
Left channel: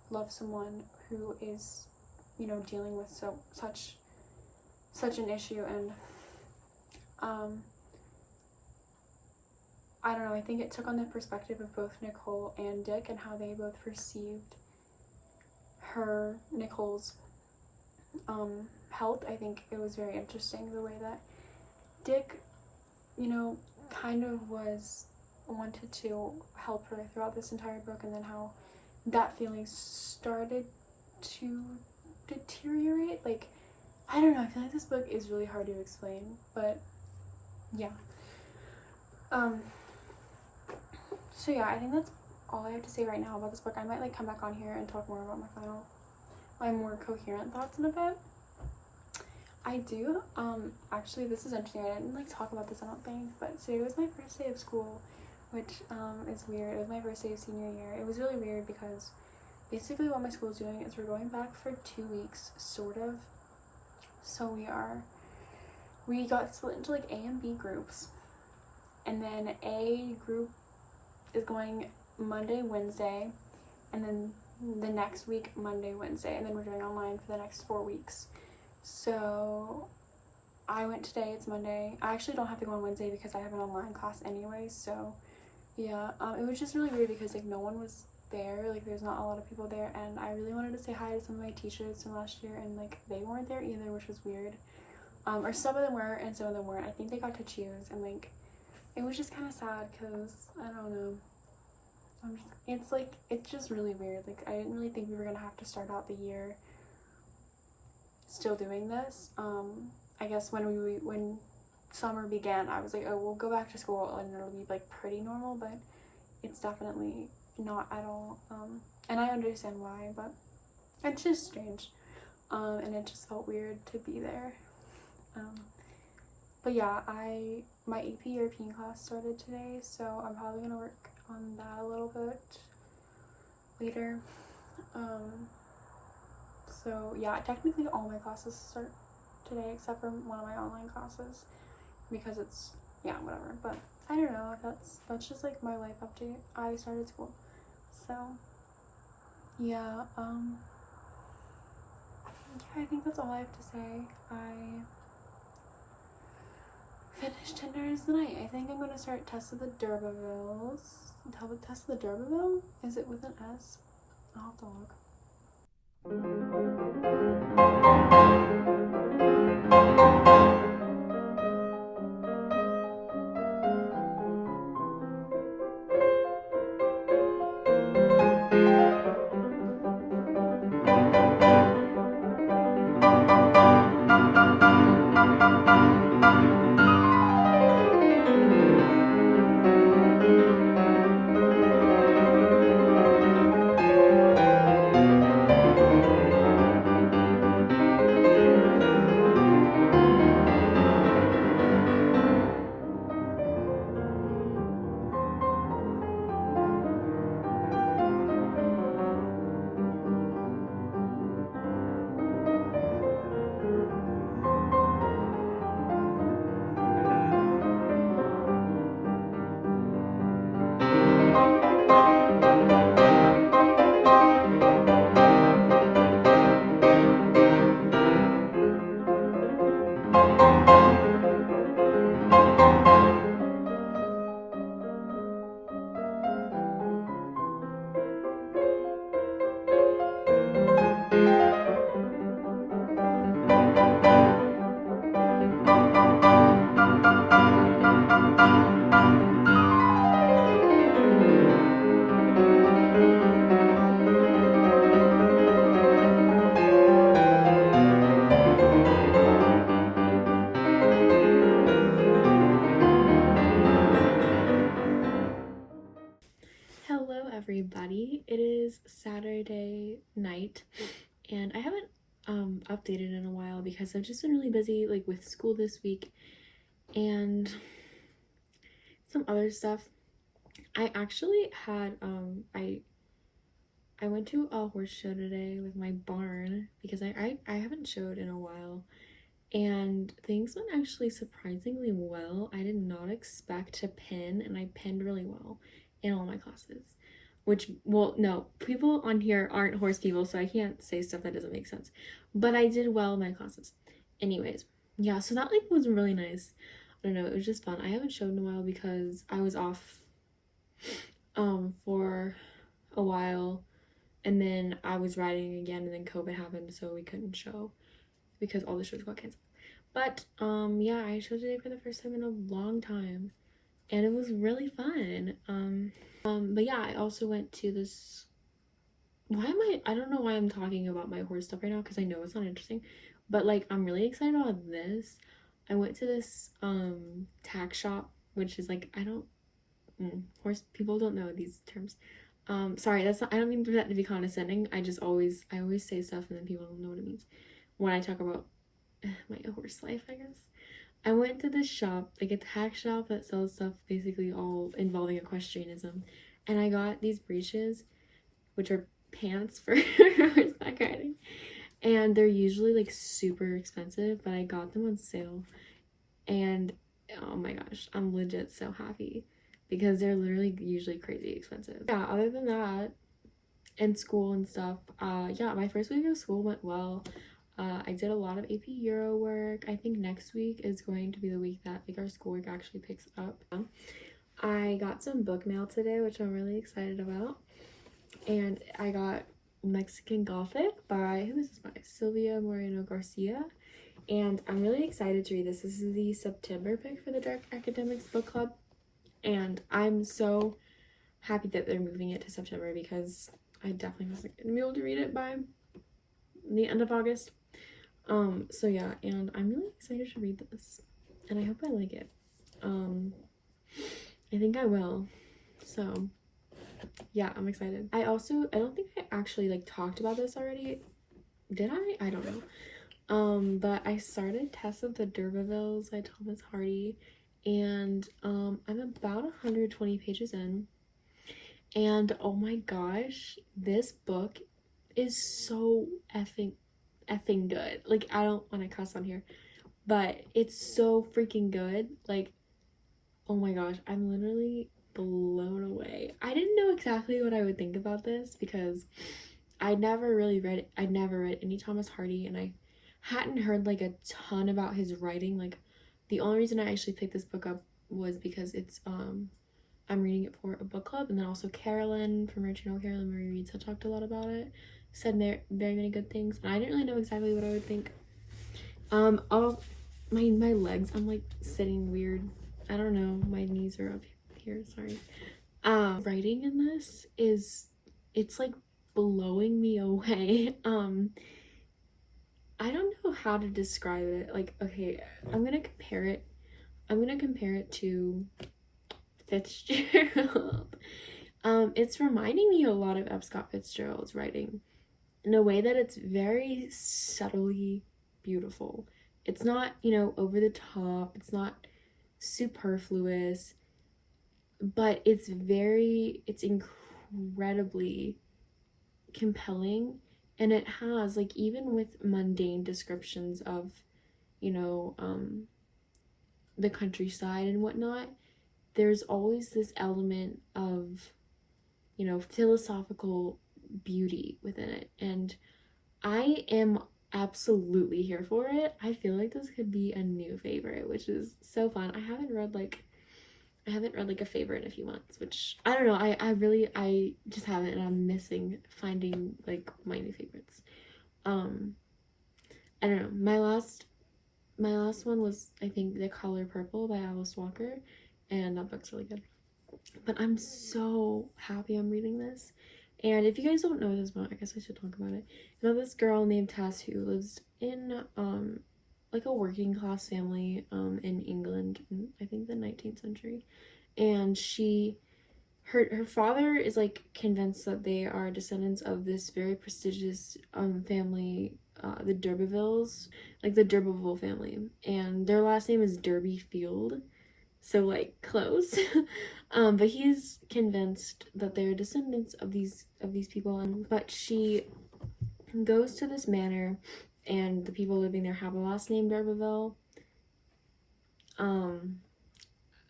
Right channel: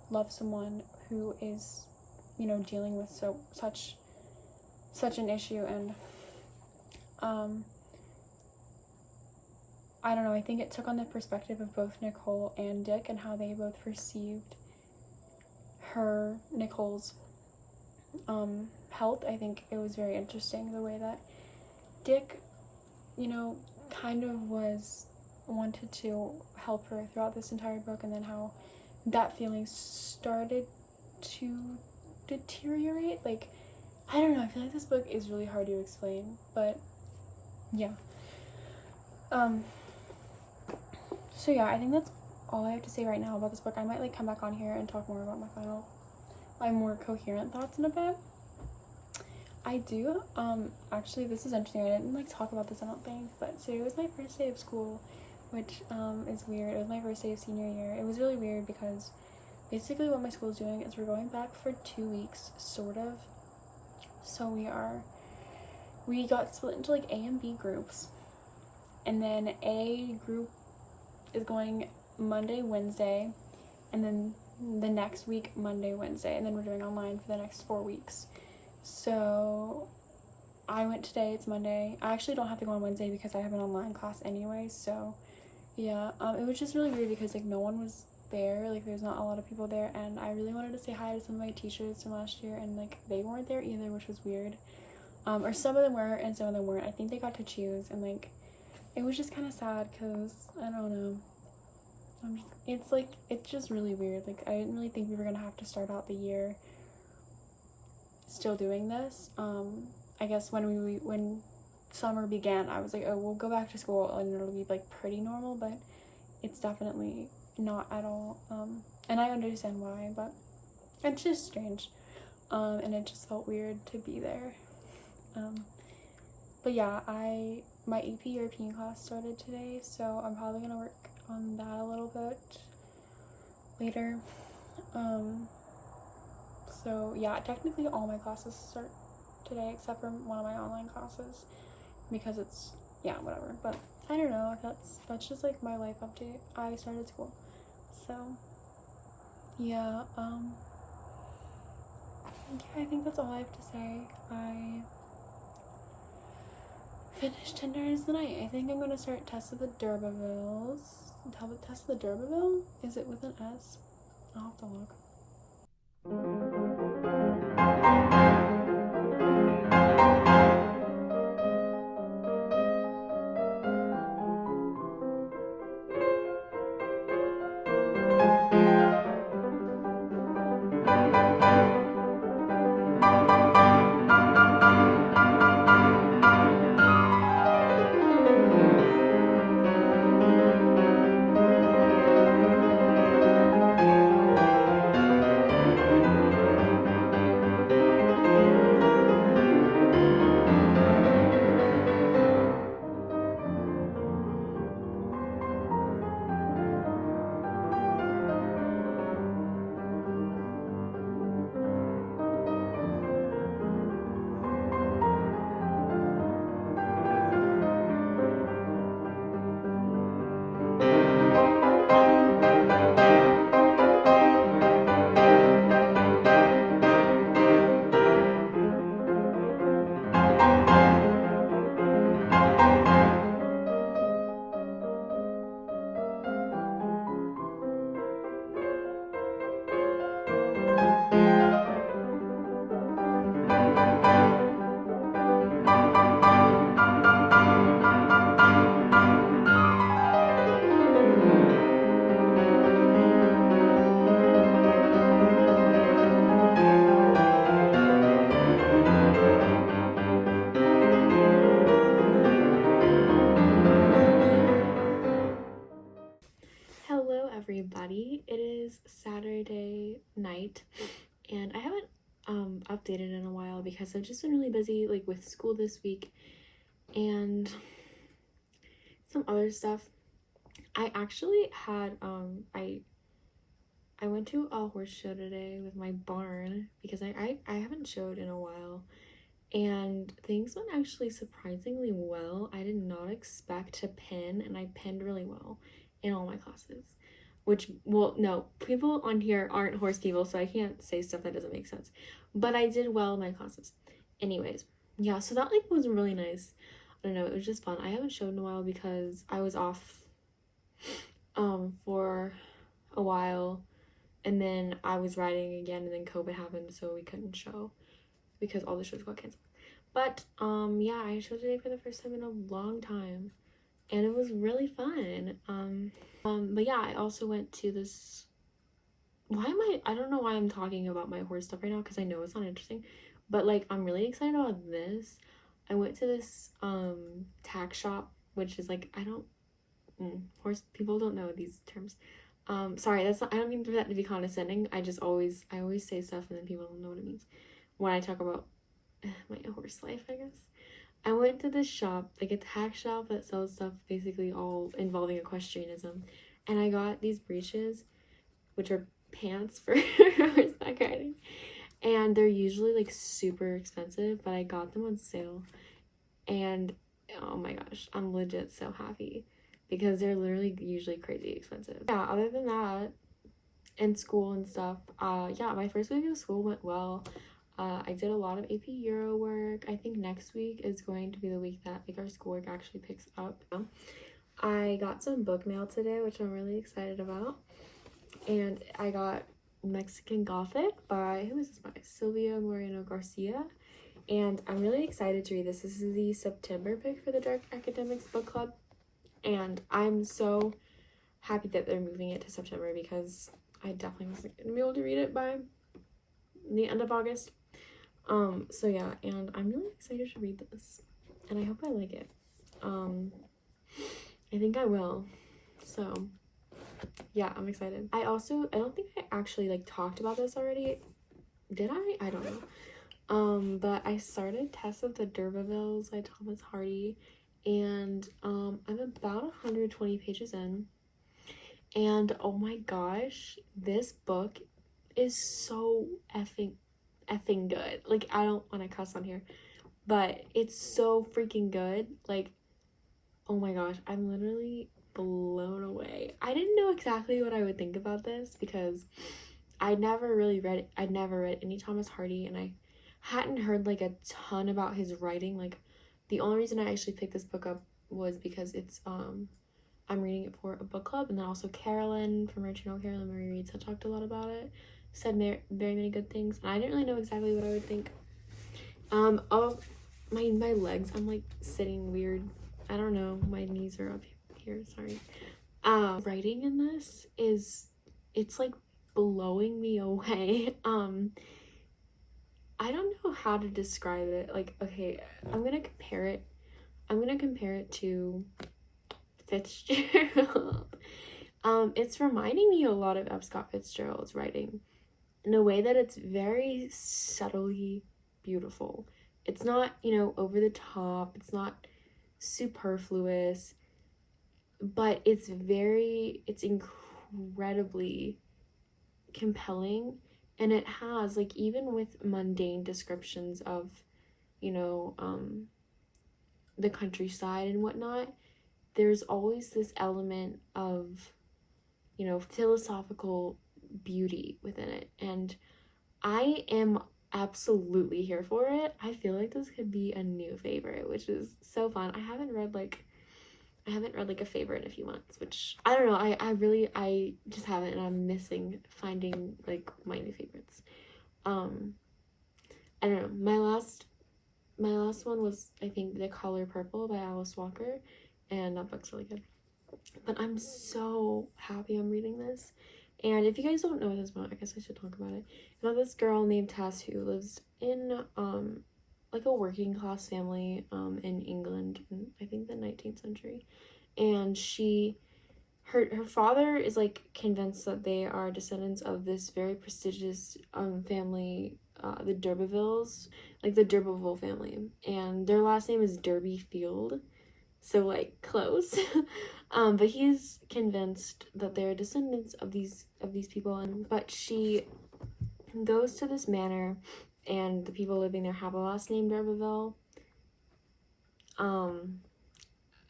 love someone who is, you know, dealing with such an issue. And I don't know, I think it took on the perspective of both Nicole and Dick and how they both perceived Nicole's health. I think it was very interesting the way that Dick, you know, kind of wanted to help her throughout this entire book, and then how that feeling started to deteriorate. Like, I don't know, I feel like this book is really hard to explain, but yeah. So yeah, I think that's all I have to say right now about this book. I might like come back on here and talk more about my more coherent thoughts in a bit. I do, actually, this is interesting, I didn't like talk about this, I don't think, but today was my first day of school, which, is weird. It was my first day of senior year. It was really weird because basically what my school is doing is we're going back for 2 weeks, sort of. So we got split into like A and B groups, and then A group is going Monday, Wednesday, and then the next week Monday, Wednesday, and then we're doing online for the next 4 weeks. So I went today, it's Monday. I actually don't have to go on Wednesday because I have an online class anyway, so yeah. It was just really weird because like no one was there, like there's not a lot of people there, and I really wanted to say hi to some of my teachers from last year, and like they weren't there either, which was weird. Or some of them were and some of them weren't. I think they got to choose, and like it was just kind of sad because I don't know. It's just really weird. Like I didn't really think we were gonna have to start out the year still doing this. I guess when summer began, I was like, oh, we'll go back to school and it'll be like pretty normal, but it's definitely not at all. And I understand why, but it's just strange. And it just felt weird to be there. But yeah, my AP European class started today, so I'm probably gonna work on that a little bit later. So yeah, technically all my classes start today except for one of my online classes because it's, yeah, whatever. But I don't know, that's just like my life update. I started school, so yeah. I think that's all I have to say. I finished 10 Days the Night. I think I'm gonna start Test of the D'Urbervilles. Test of the D'Urberville? Is it with an S? I'll have to look. everybody. It is Saturday night and I haven't updated in a while because I've just been really busy like with school this week and some other stuff. I actually had I went to a horse show today with my barn because I haven't showed in a while, and things went actually surprisingly well. I did not expect to pin, and I pinned really well in all my classes. Which, well, no, people on here aren't horse people, so I can't say stuff that doesn't make sense. But I did well in my classes. Anyways, yeah, so that like was really nice. I don't know, it was just fun. I haven't showed in a while because I was off for a while, and then I was riding again, and then COVID happened, so we couldn't show because all the shows got canceled. But yeah, I showed today for the first time in a long time, and it was really fun. But yeah, I also went to this. I don't know why I'm talking about my horse stuff right now because I know it's not interesting, but like I'm really excited about this. I went to this tack shop, which is like I don't horse people don't know these terms. Sorry, that's not, I don't mean for that to be condescending. I always say stuff and then people don't know what it means when I talk about my horse life, I guess. I went to this shop, like a tack shop that sells stuff basically all involving equestrianism, and I got these breeches, which are pants for horseback riding, and they're usually like super expensive, but I got them on sale, and oh my gosh, I'm legit so happy because they're literally usually crazy expensive. Yeah, other than that, in school and stuff, yeah, my first week of school went well. I did a lot of AP Euro work. I think next week is going to be the week that like our schoolwork actually picks up. I got some book mail today, which I'm really excited about. And I got Mexican Gothic by, who is this by? Silvia Moreno Garcia. And I'm really excited to read this. This is the September pick for the Dark Academics Book Club. And I'm so happy that they're moving it to September because I definitely wasn't going to be able to read it by the end of August. So yeah, and I'm really excited to read this, and I hope I like it. I think I will. So yeah, I'm excited. I don't think I actually like talked about this already. Did I? I don't know. But I started Tess of the D'Urbervilles by Thomas Hardy, and I'm about 120 pages in, and oh my gosh, this book is so effing good. Like, I don't want to cuss on here, but it's so freaking good. Like, oh my gosh, I'm literally blown away. I didn't know exactly what I would think about this because I'd never read any Thomas Hardy, and I hadn't heard like a ton about his writing. Like, the only reason I actually picked this book up was because it's I'm reading it for a book club, and then also Carolyn from our channel, Carolyn Marie Reads, had talked a lot about it, said very many good things, and I didn't really know exactly what I would think. All my legs, I'm like sitting weird. I don't know, my knees are up here, sorry. Writing in this it's like blowing me away. I don't know how to describe it. Like, okay, I'm gonna compare it to Fitzgerald. It's reminding me a lot of F. Scott Fitzgerald's writing in a way that it's very subtly beautiful. It's not, over the top, it's not superfluous, but it's incredibly compelling, and it has, like, even with mundane descriptions of, the countryside and whatnot, there's always this element of, philosophical beauty within it, and I am absolutely here for it. I feel like this could be a new favorite, which is so fun. I haven't read like a favorite in a few months, which I don't know, I just haven't, and I'm missing finding like my new favorites. I don't know, my last one was, I think, The Color Purple by Alice Walker, and that book's really good. But I'm so happy I'm reading this. And if you guys don't know this one, I guess I should talk about it. This girl named Tess who lives in like a working class family in England in, I think, the 19th century. And her father is like convinced that they are descendants of this very prestigious family, the D'Urbervilles, like the D'Urberville family, and their last name is Derby Field, so like close. But he's convinced that they're descendants of these people, and but she goes to this manor, and the people living there have a last name D'Urberville.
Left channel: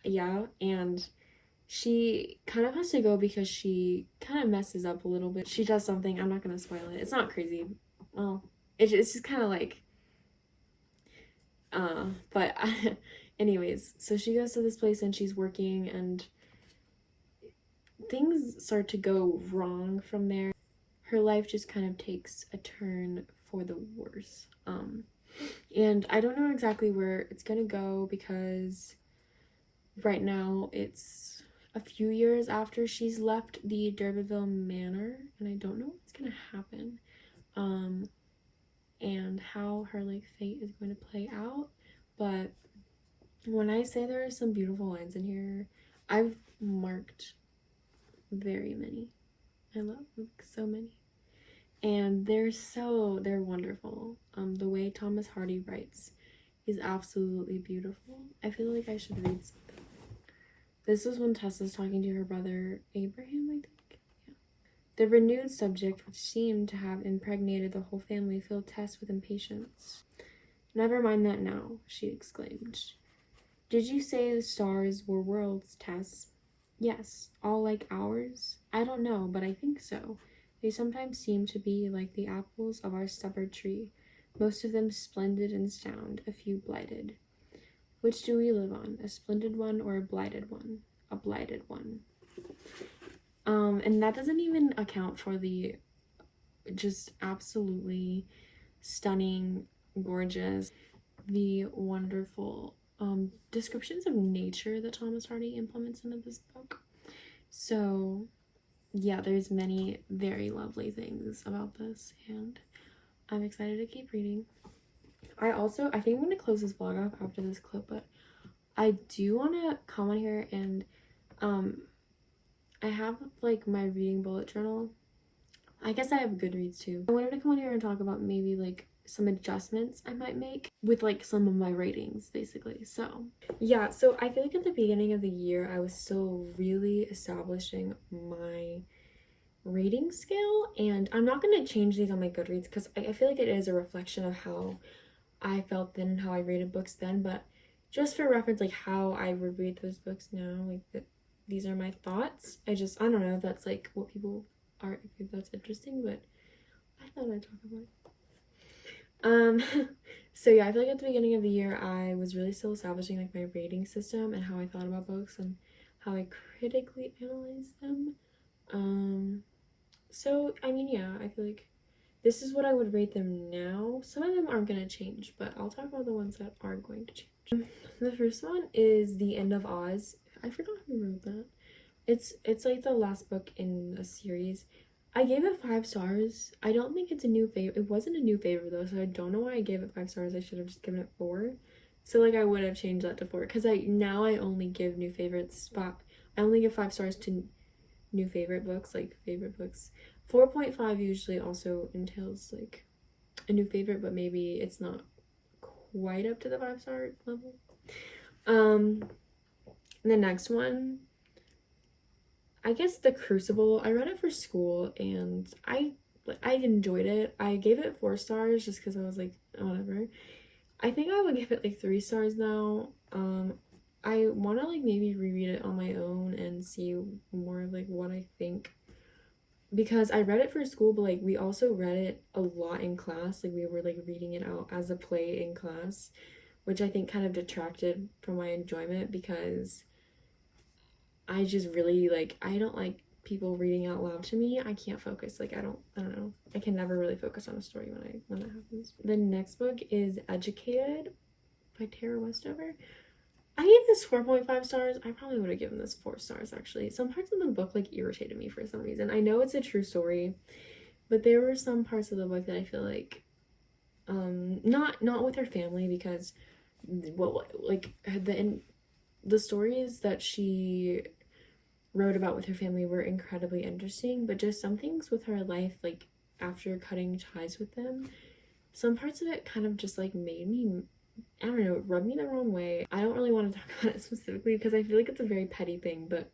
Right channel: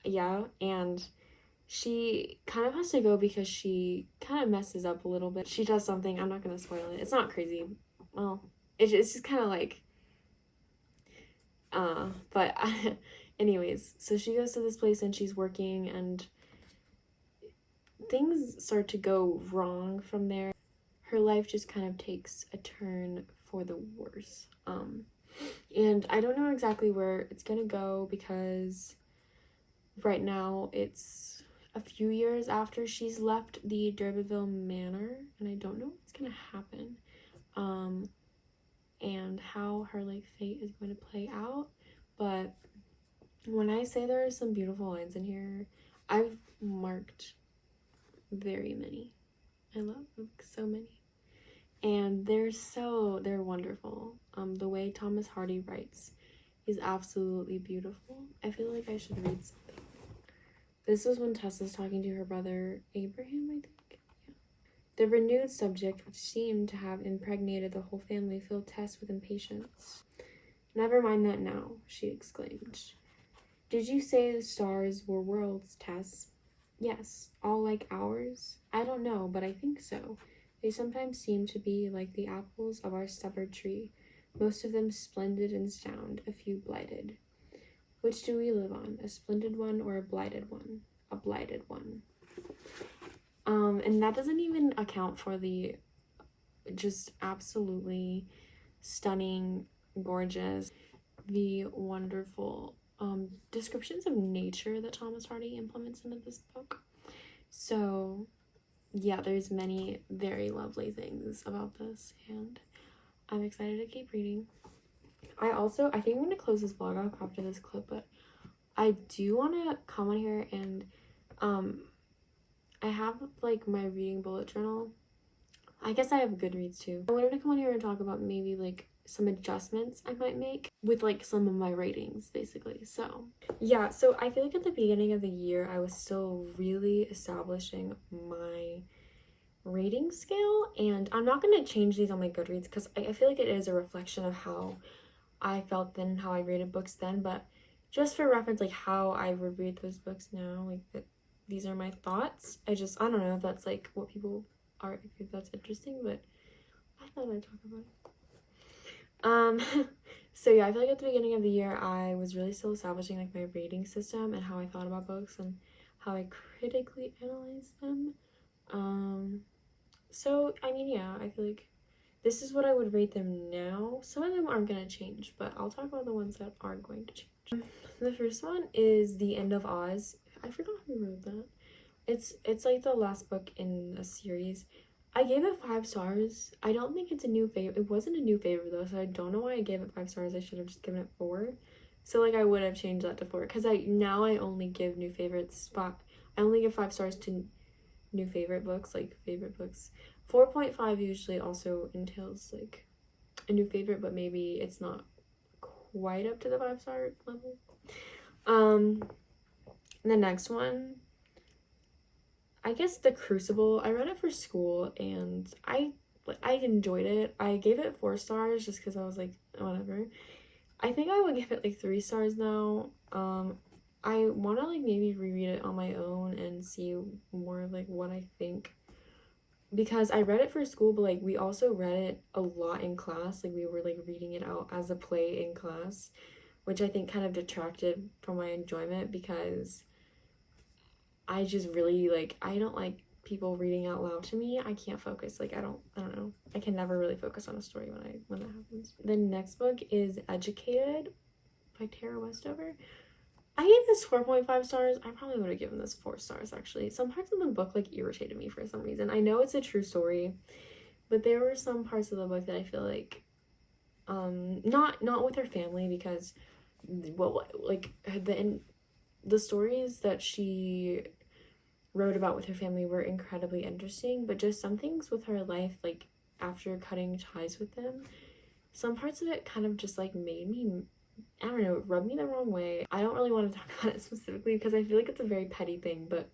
Yeah, and she kind of has to go because she kind of messes up a little bit. She does something, I'm not gonna spoil it. It's not crazy. Well, it's just kind of like, but anyways, so she goes to this place and she's working, and things start to go wrong from there. Her life just kind of takes a turn for the worse. And I don't know exactly where it's gonna go because right now it's a few years after she's left the D'Urberville Manor, and I don't know what's gonna happen, and how her like fate is going to play out. But when I say there are some beautiful lines in here, I've marked very many. I love like so many, and they're wonderful. The way Thomas Hardy writes is absolutely beautiful. I feel like I should read something. This is when Tessa's talking to her brother Abraham, I think. Yeah. The renewed subject, which seemed to have impregnated the whole family, filled Tess with impatience. "Never mind that now," she exclaimed. "Did you say the stars were worlds, Tess?" "Yes, all like ours? I don't know, but I think so. They sometimes seem to be like the apples of our stubborn tree, most of them splendid and sound, a few blighted. Which do we live on, a splendid one or a blighted one?" "A blighted one." And that doesn't even account for the just absolutely stunning, gorgeous, the wonderful descriptions of nature that Thomas Hardy implements into this book. So yeah, there's many very lovely things about this, and I'm excited to keep reading. I think I'm gonna close this vlog off after this clip, but I do want to come on here and I have like my reading bullet journal. I guess I have Goodreads too. I wanted to come on here and talk about maybe like some adjustments I might make with like some of my ratings, basically. So yeah, so I feel like at the beginning of the year I was still really establishing my rating scale, and I'm not going to change these on my Goodreads because I feel like it is a reflection of how I felt then and how I rated books then, but just for reference, like how I would rate those books now, like these are my thoughts. I don't know if that's like what people are, if that's interesting, but I thought I'd talk about it. So yeah, I feel like at the beginning of the year I was really still establishing like my rating system and how I thought about books and how I critically analyzed them. So I mean, yeah, I feel like this is what I would rate them now. Some of them aren't gonna change, but I'll talk about the ones that are going to change. The first one is The End of Oz. I forgot who wrote that. It's like the last book in a series. I gave it 5 stars. I don't think it's a new favorite. It wasn't a new favorite though, so I don't know why I gave it 5 stars. I should have just given it 4. So like I would have changed that to 4 because I only give new favorites. I only give 5 stars to new favorite books, like favorite books. 4.5 usually also entails like a new favorite, but maybe it's not quite up to the 5-star level. The next one, I guess The Crucible. I read it for school and I enjoyed it. I gave it 4 stars just because I was like, whatever. I think I would give it like 3 stars though. I want to like maybe reread it on my own and see more like what I think, because I read it for school, but like we also read it a lot in class. Like we were like reading it out as a play in class, which I think kind of detracted from my enjoyment because I just really like, I don't like people reading out loud to me. I can't focus. Like I don't know. I can never really focus on a story when that happens. The next book is Educated by Tara Westover. I gave this 4.5 stars. I probably would have given this 4 stars actually. Some parts of the book like irritated me for some reason. I know it's a true story, but there were some parts of the book that I feel like not with her family, because well, like the stories that she wrote about with her family were incredibly interesting, but just some things with her life, like after cutting ties with them, some parts of it kind of just like made me, I don't know, it rubbed me the wrong way. I don't really want to talk about it specifically because I feel like it's a very petty thing, but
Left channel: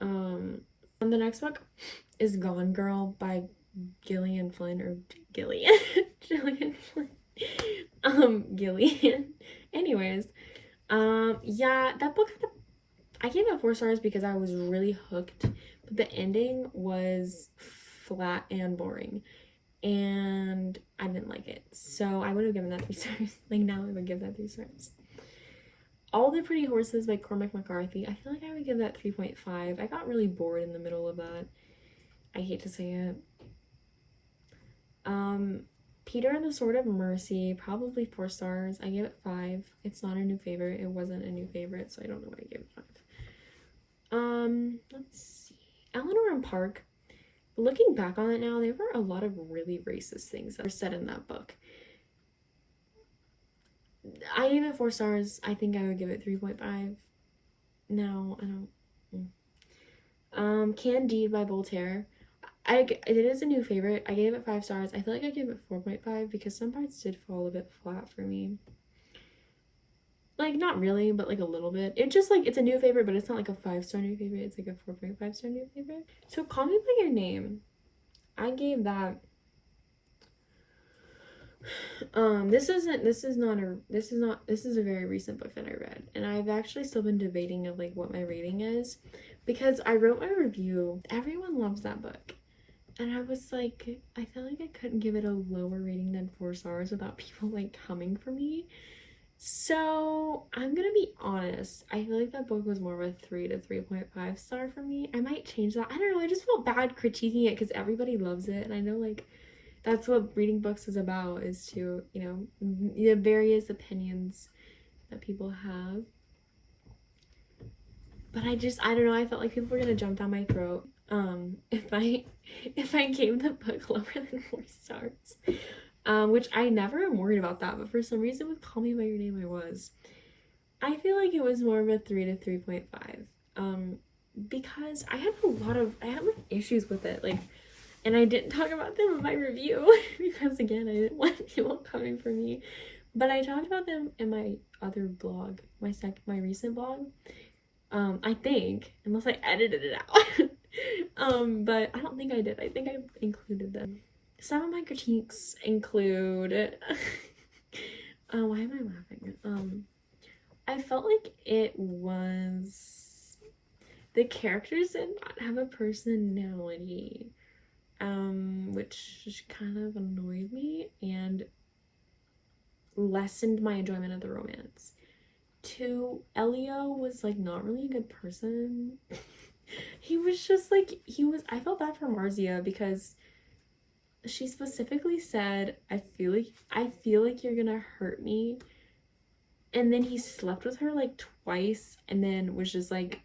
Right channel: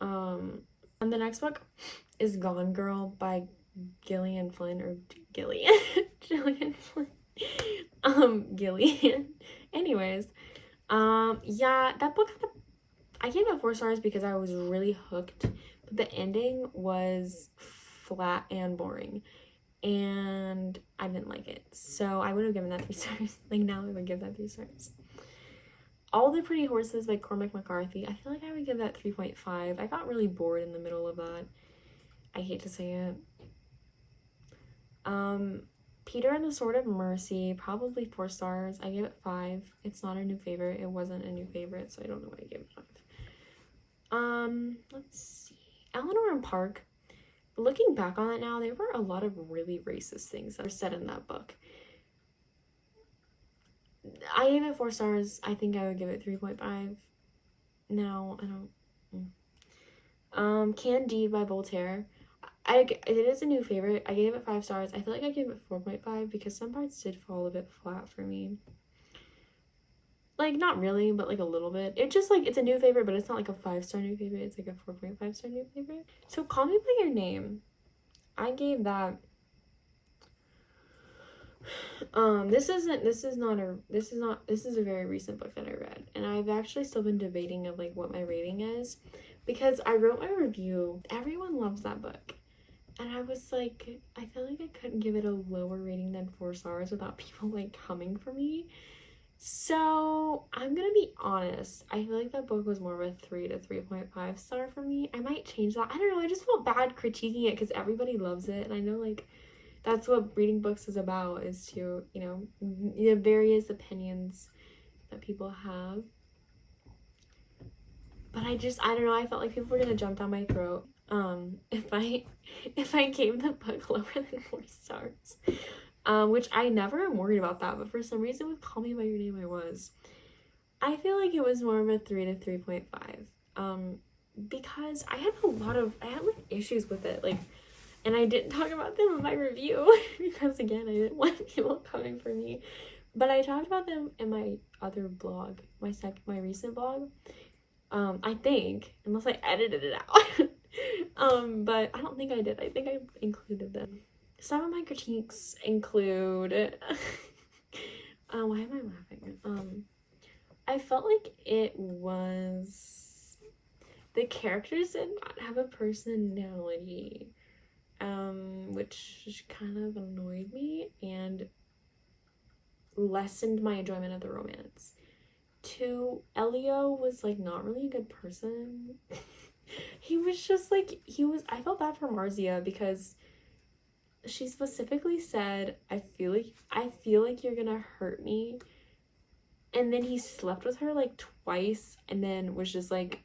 and the next book is Gone Girl by Gillian Flynn, or Gillian Gillian Flynn. Gillian. Anyways, yeah, that book I gave it 4 stars because I was really hooked, but the ending was flat and boring, and I didn't like it. So I would have given that 3 stars. Like now I would give that 3 stars. All the Pretty Horses by Cormac McCarthy, I feel like I would give that 3.5. I got really bored in the middle of that. I hate to say it. Peter and the Sword of Mercy, probably 4 stars. I gave it 5. It's not a new favorite. It wasn't a new favorite, so I don't know why I gave it 5. Let's see. Eleanor and Park. Looking back on it now, there were a lot of really racist things that were said in that book. I gave it 4 stars. I think I would give it 3.5. No, I don't. Candide by Voltaire. It is a new favorite. I gave it 5 stars. I feel like I gave it 4.5 because some parts did fall a bit flat for me. Like, not really, but like a little bit. It just like, it's a new favorite, but it's not like a 5-star new favorite. It's like a 4.5-star new favorite. So Call Me By Your Name. I gave that. This is a very recent book that I read, and I've actually still been debating of like what my rating is, because I wrote my review. Everyone loves that book. And I was like, I feel like I couldn't give it a lower rating than 4 stars without people like coming for me. So I'm gonna be honest. I feel like that book was more of a 3 to 3.5 star for me. I might change that. I don't know. I just felt bad critiquing it because everybody loves it. And I know like that's what reading books is about, is to, you know, the various opinions that people have. But I don't know. I felt like people were gonna jump down my throat if I gave the book lower than 4 stars, which I never am worried about that, but for some reason with Call Me By Your Name I feel like it was more of a 3 to 3.5, because I had like issues with it, like, and I didn't talk about them in my review because again I didn't want people coming for me, but I talked about them in my other blog, my recent blog. I think, unless I edited it out. But I don't think I did. I think I included them. Some of my critiques include why am I laughing? I felt like the characters did not have a personality, which kind of annoyed me and lessened my enjoyment of the romance. 2, Elio was like not really a good person. He was just like, I felt bad for Marzia because she specifically said, I feel like you're gonna hurt me. And then he slept with her like twice and then was just like,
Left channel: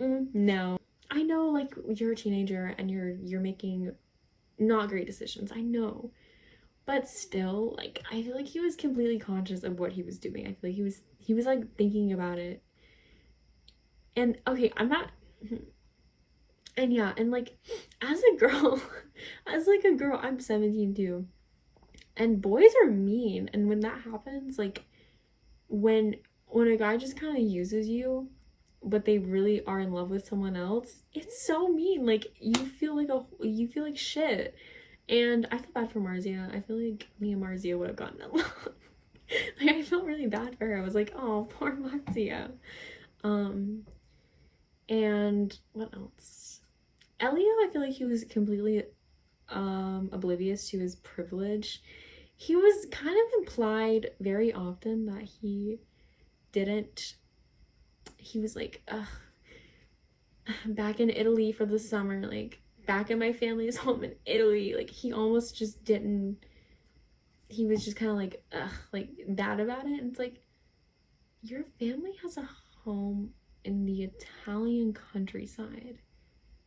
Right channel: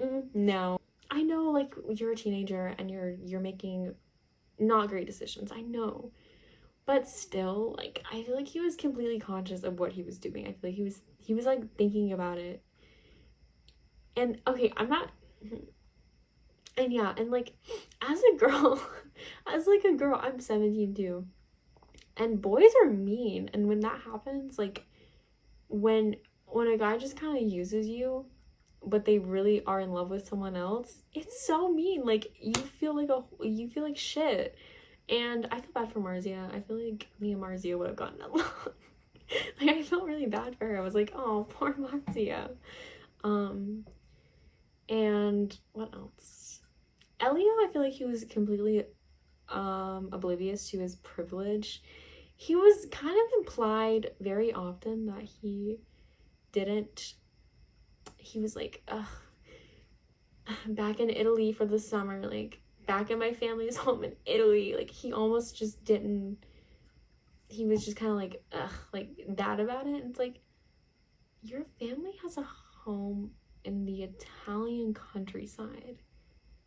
no. I know like you're a teenager and you're making not great decisions. I know. But still, like, I feel like he was completely conscious of what he was doing. I feel like he was like thinking about it. And okay, I'm not, and yeah, and like as a girl, I'm 17 too. And boys are mean, and when that happens, like when a guy just kind of uses you, but they really are in love with someone else, it's so mean. Like you feel like shit. And I feel bad for Marzia. I feel like me and Marzia would have gotten along. Like I felt really bad for her. I was like, oh, poor Marzia. And what else? Elio, I feel like he was completely oblivious to his privilege. He was kind of implied very often that he was like, back in Italy for the summer, like back in my family's home in Italy. Like he almost just didn't, he was just kind of like that about it. And it's like, your family has a home in the Italian countryside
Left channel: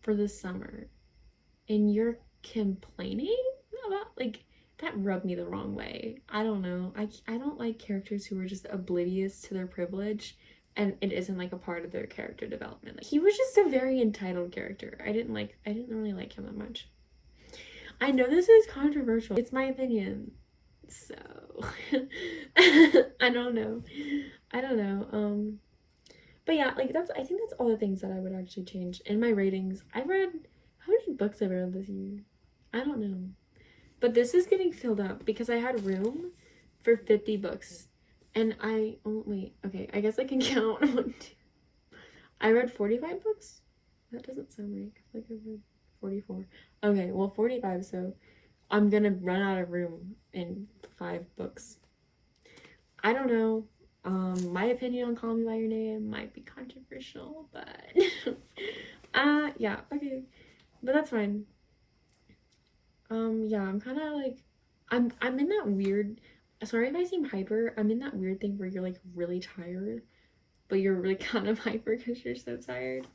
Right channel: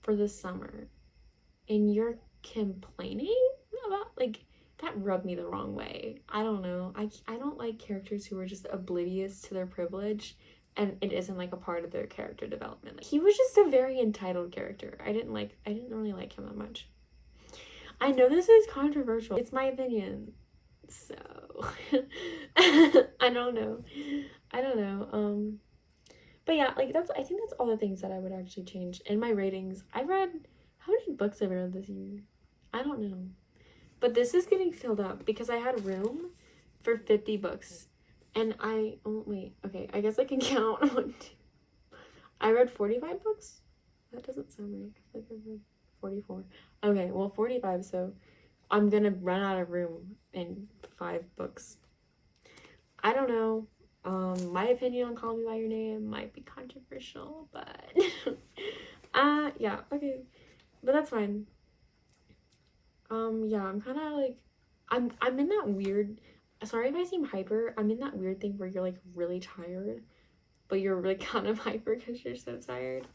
for the summer and you're complaining about, like, that rubbed me the wrong way. I don't know. I don't like characters who are just oblivious to their privilege and it isn't like a part of their character development. Like, he was just a very entitled character. I didn't really like him that much. I know this is controversial. It's my opinion. So I don't know. But yeah, like I think that's all the things that I would actually change. In my ratings, how many books have I read this year? I don't know. But this is getting filled up because I had room for 50 books. And wait, okay, I guess I can count. 1, 2. I read 45 books? That doesn't sound right. I feel like I read 44. Okay, well, 45, so I'm gonna run out of room in 5 books. I don't know. My opinion on Call Me By Your Name might be controversial, but yeah, okay. But that's fine. Yeah, I'm kind of like I'm in that weird, sorry if I seem hyper, I'm in that weird thing where you're like really tired, but you're really kind of hyper because you're so tired.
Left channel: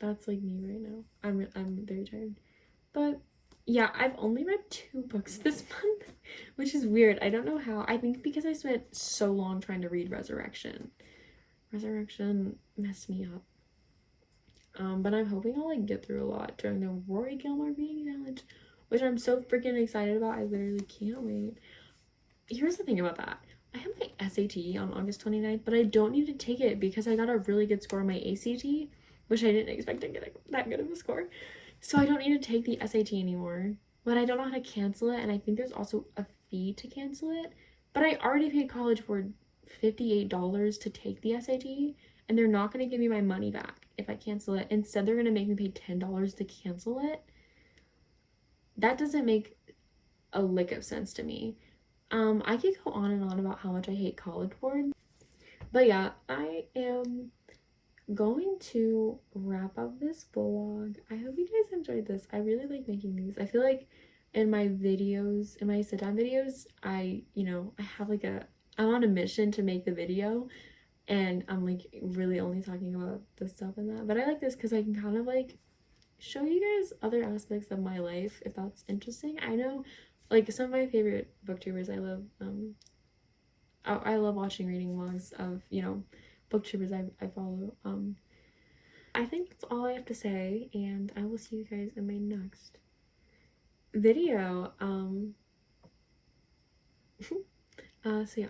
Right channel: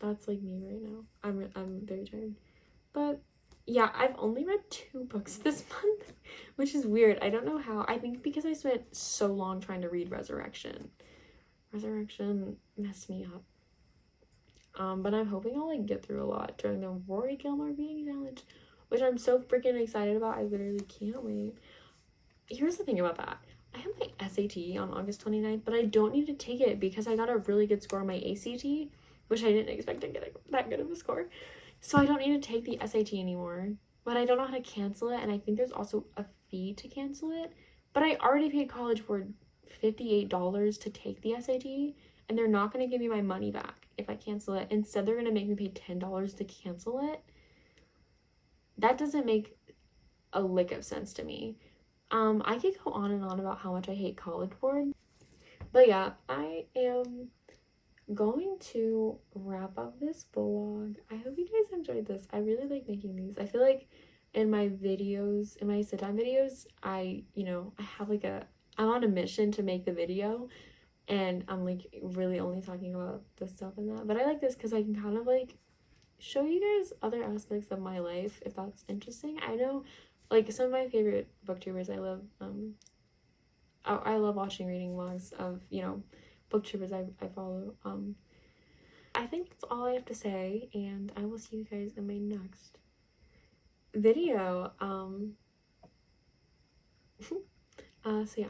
That's like me right now. I'm very tired. But yeah, I've only read 2 books this month, which is weird. I don't know how. I think because I spent so long trying to read Resurrection. Resurrection messed me up. But I'm hoping I'll like get through a lot during the Rory Gilmore reading challenge, which I'm so freaking excited about. I literally can't wait. Here's the thing about that. I have my SAT on August 29th, but I don't need to take it because I got a really good score on my ACT, which I didn't expect to get that good of a score. So I don't need to take the SAT anymore, but I don't know how to cancel it, and I think there's also a fee to cancel it. But I already paid College Board $58 to take the SAT, and they're not going to give me my money back if I cancel it. Instead, they're going to make me pay $10 to cancel it. That doesn't make a lick of sense to me. I could go on and on about how much I hate College Board, but yeah, I am going to wrap up this vlog. I hope you guys enjoyed this. I really like making these. I feel like in my videos, in my sit down videos, I have like I'm on a mission to make the video, and I'm like really only talking about this stuff and that. But I like this because I can kind of like show you guys other aspects of my life if that's interesting. I know like some of my favorite booktubers, I love watching reading vlogs of, booktubers I follow. I think that's all I have to say, and I will see you guys in my next video. So yeah.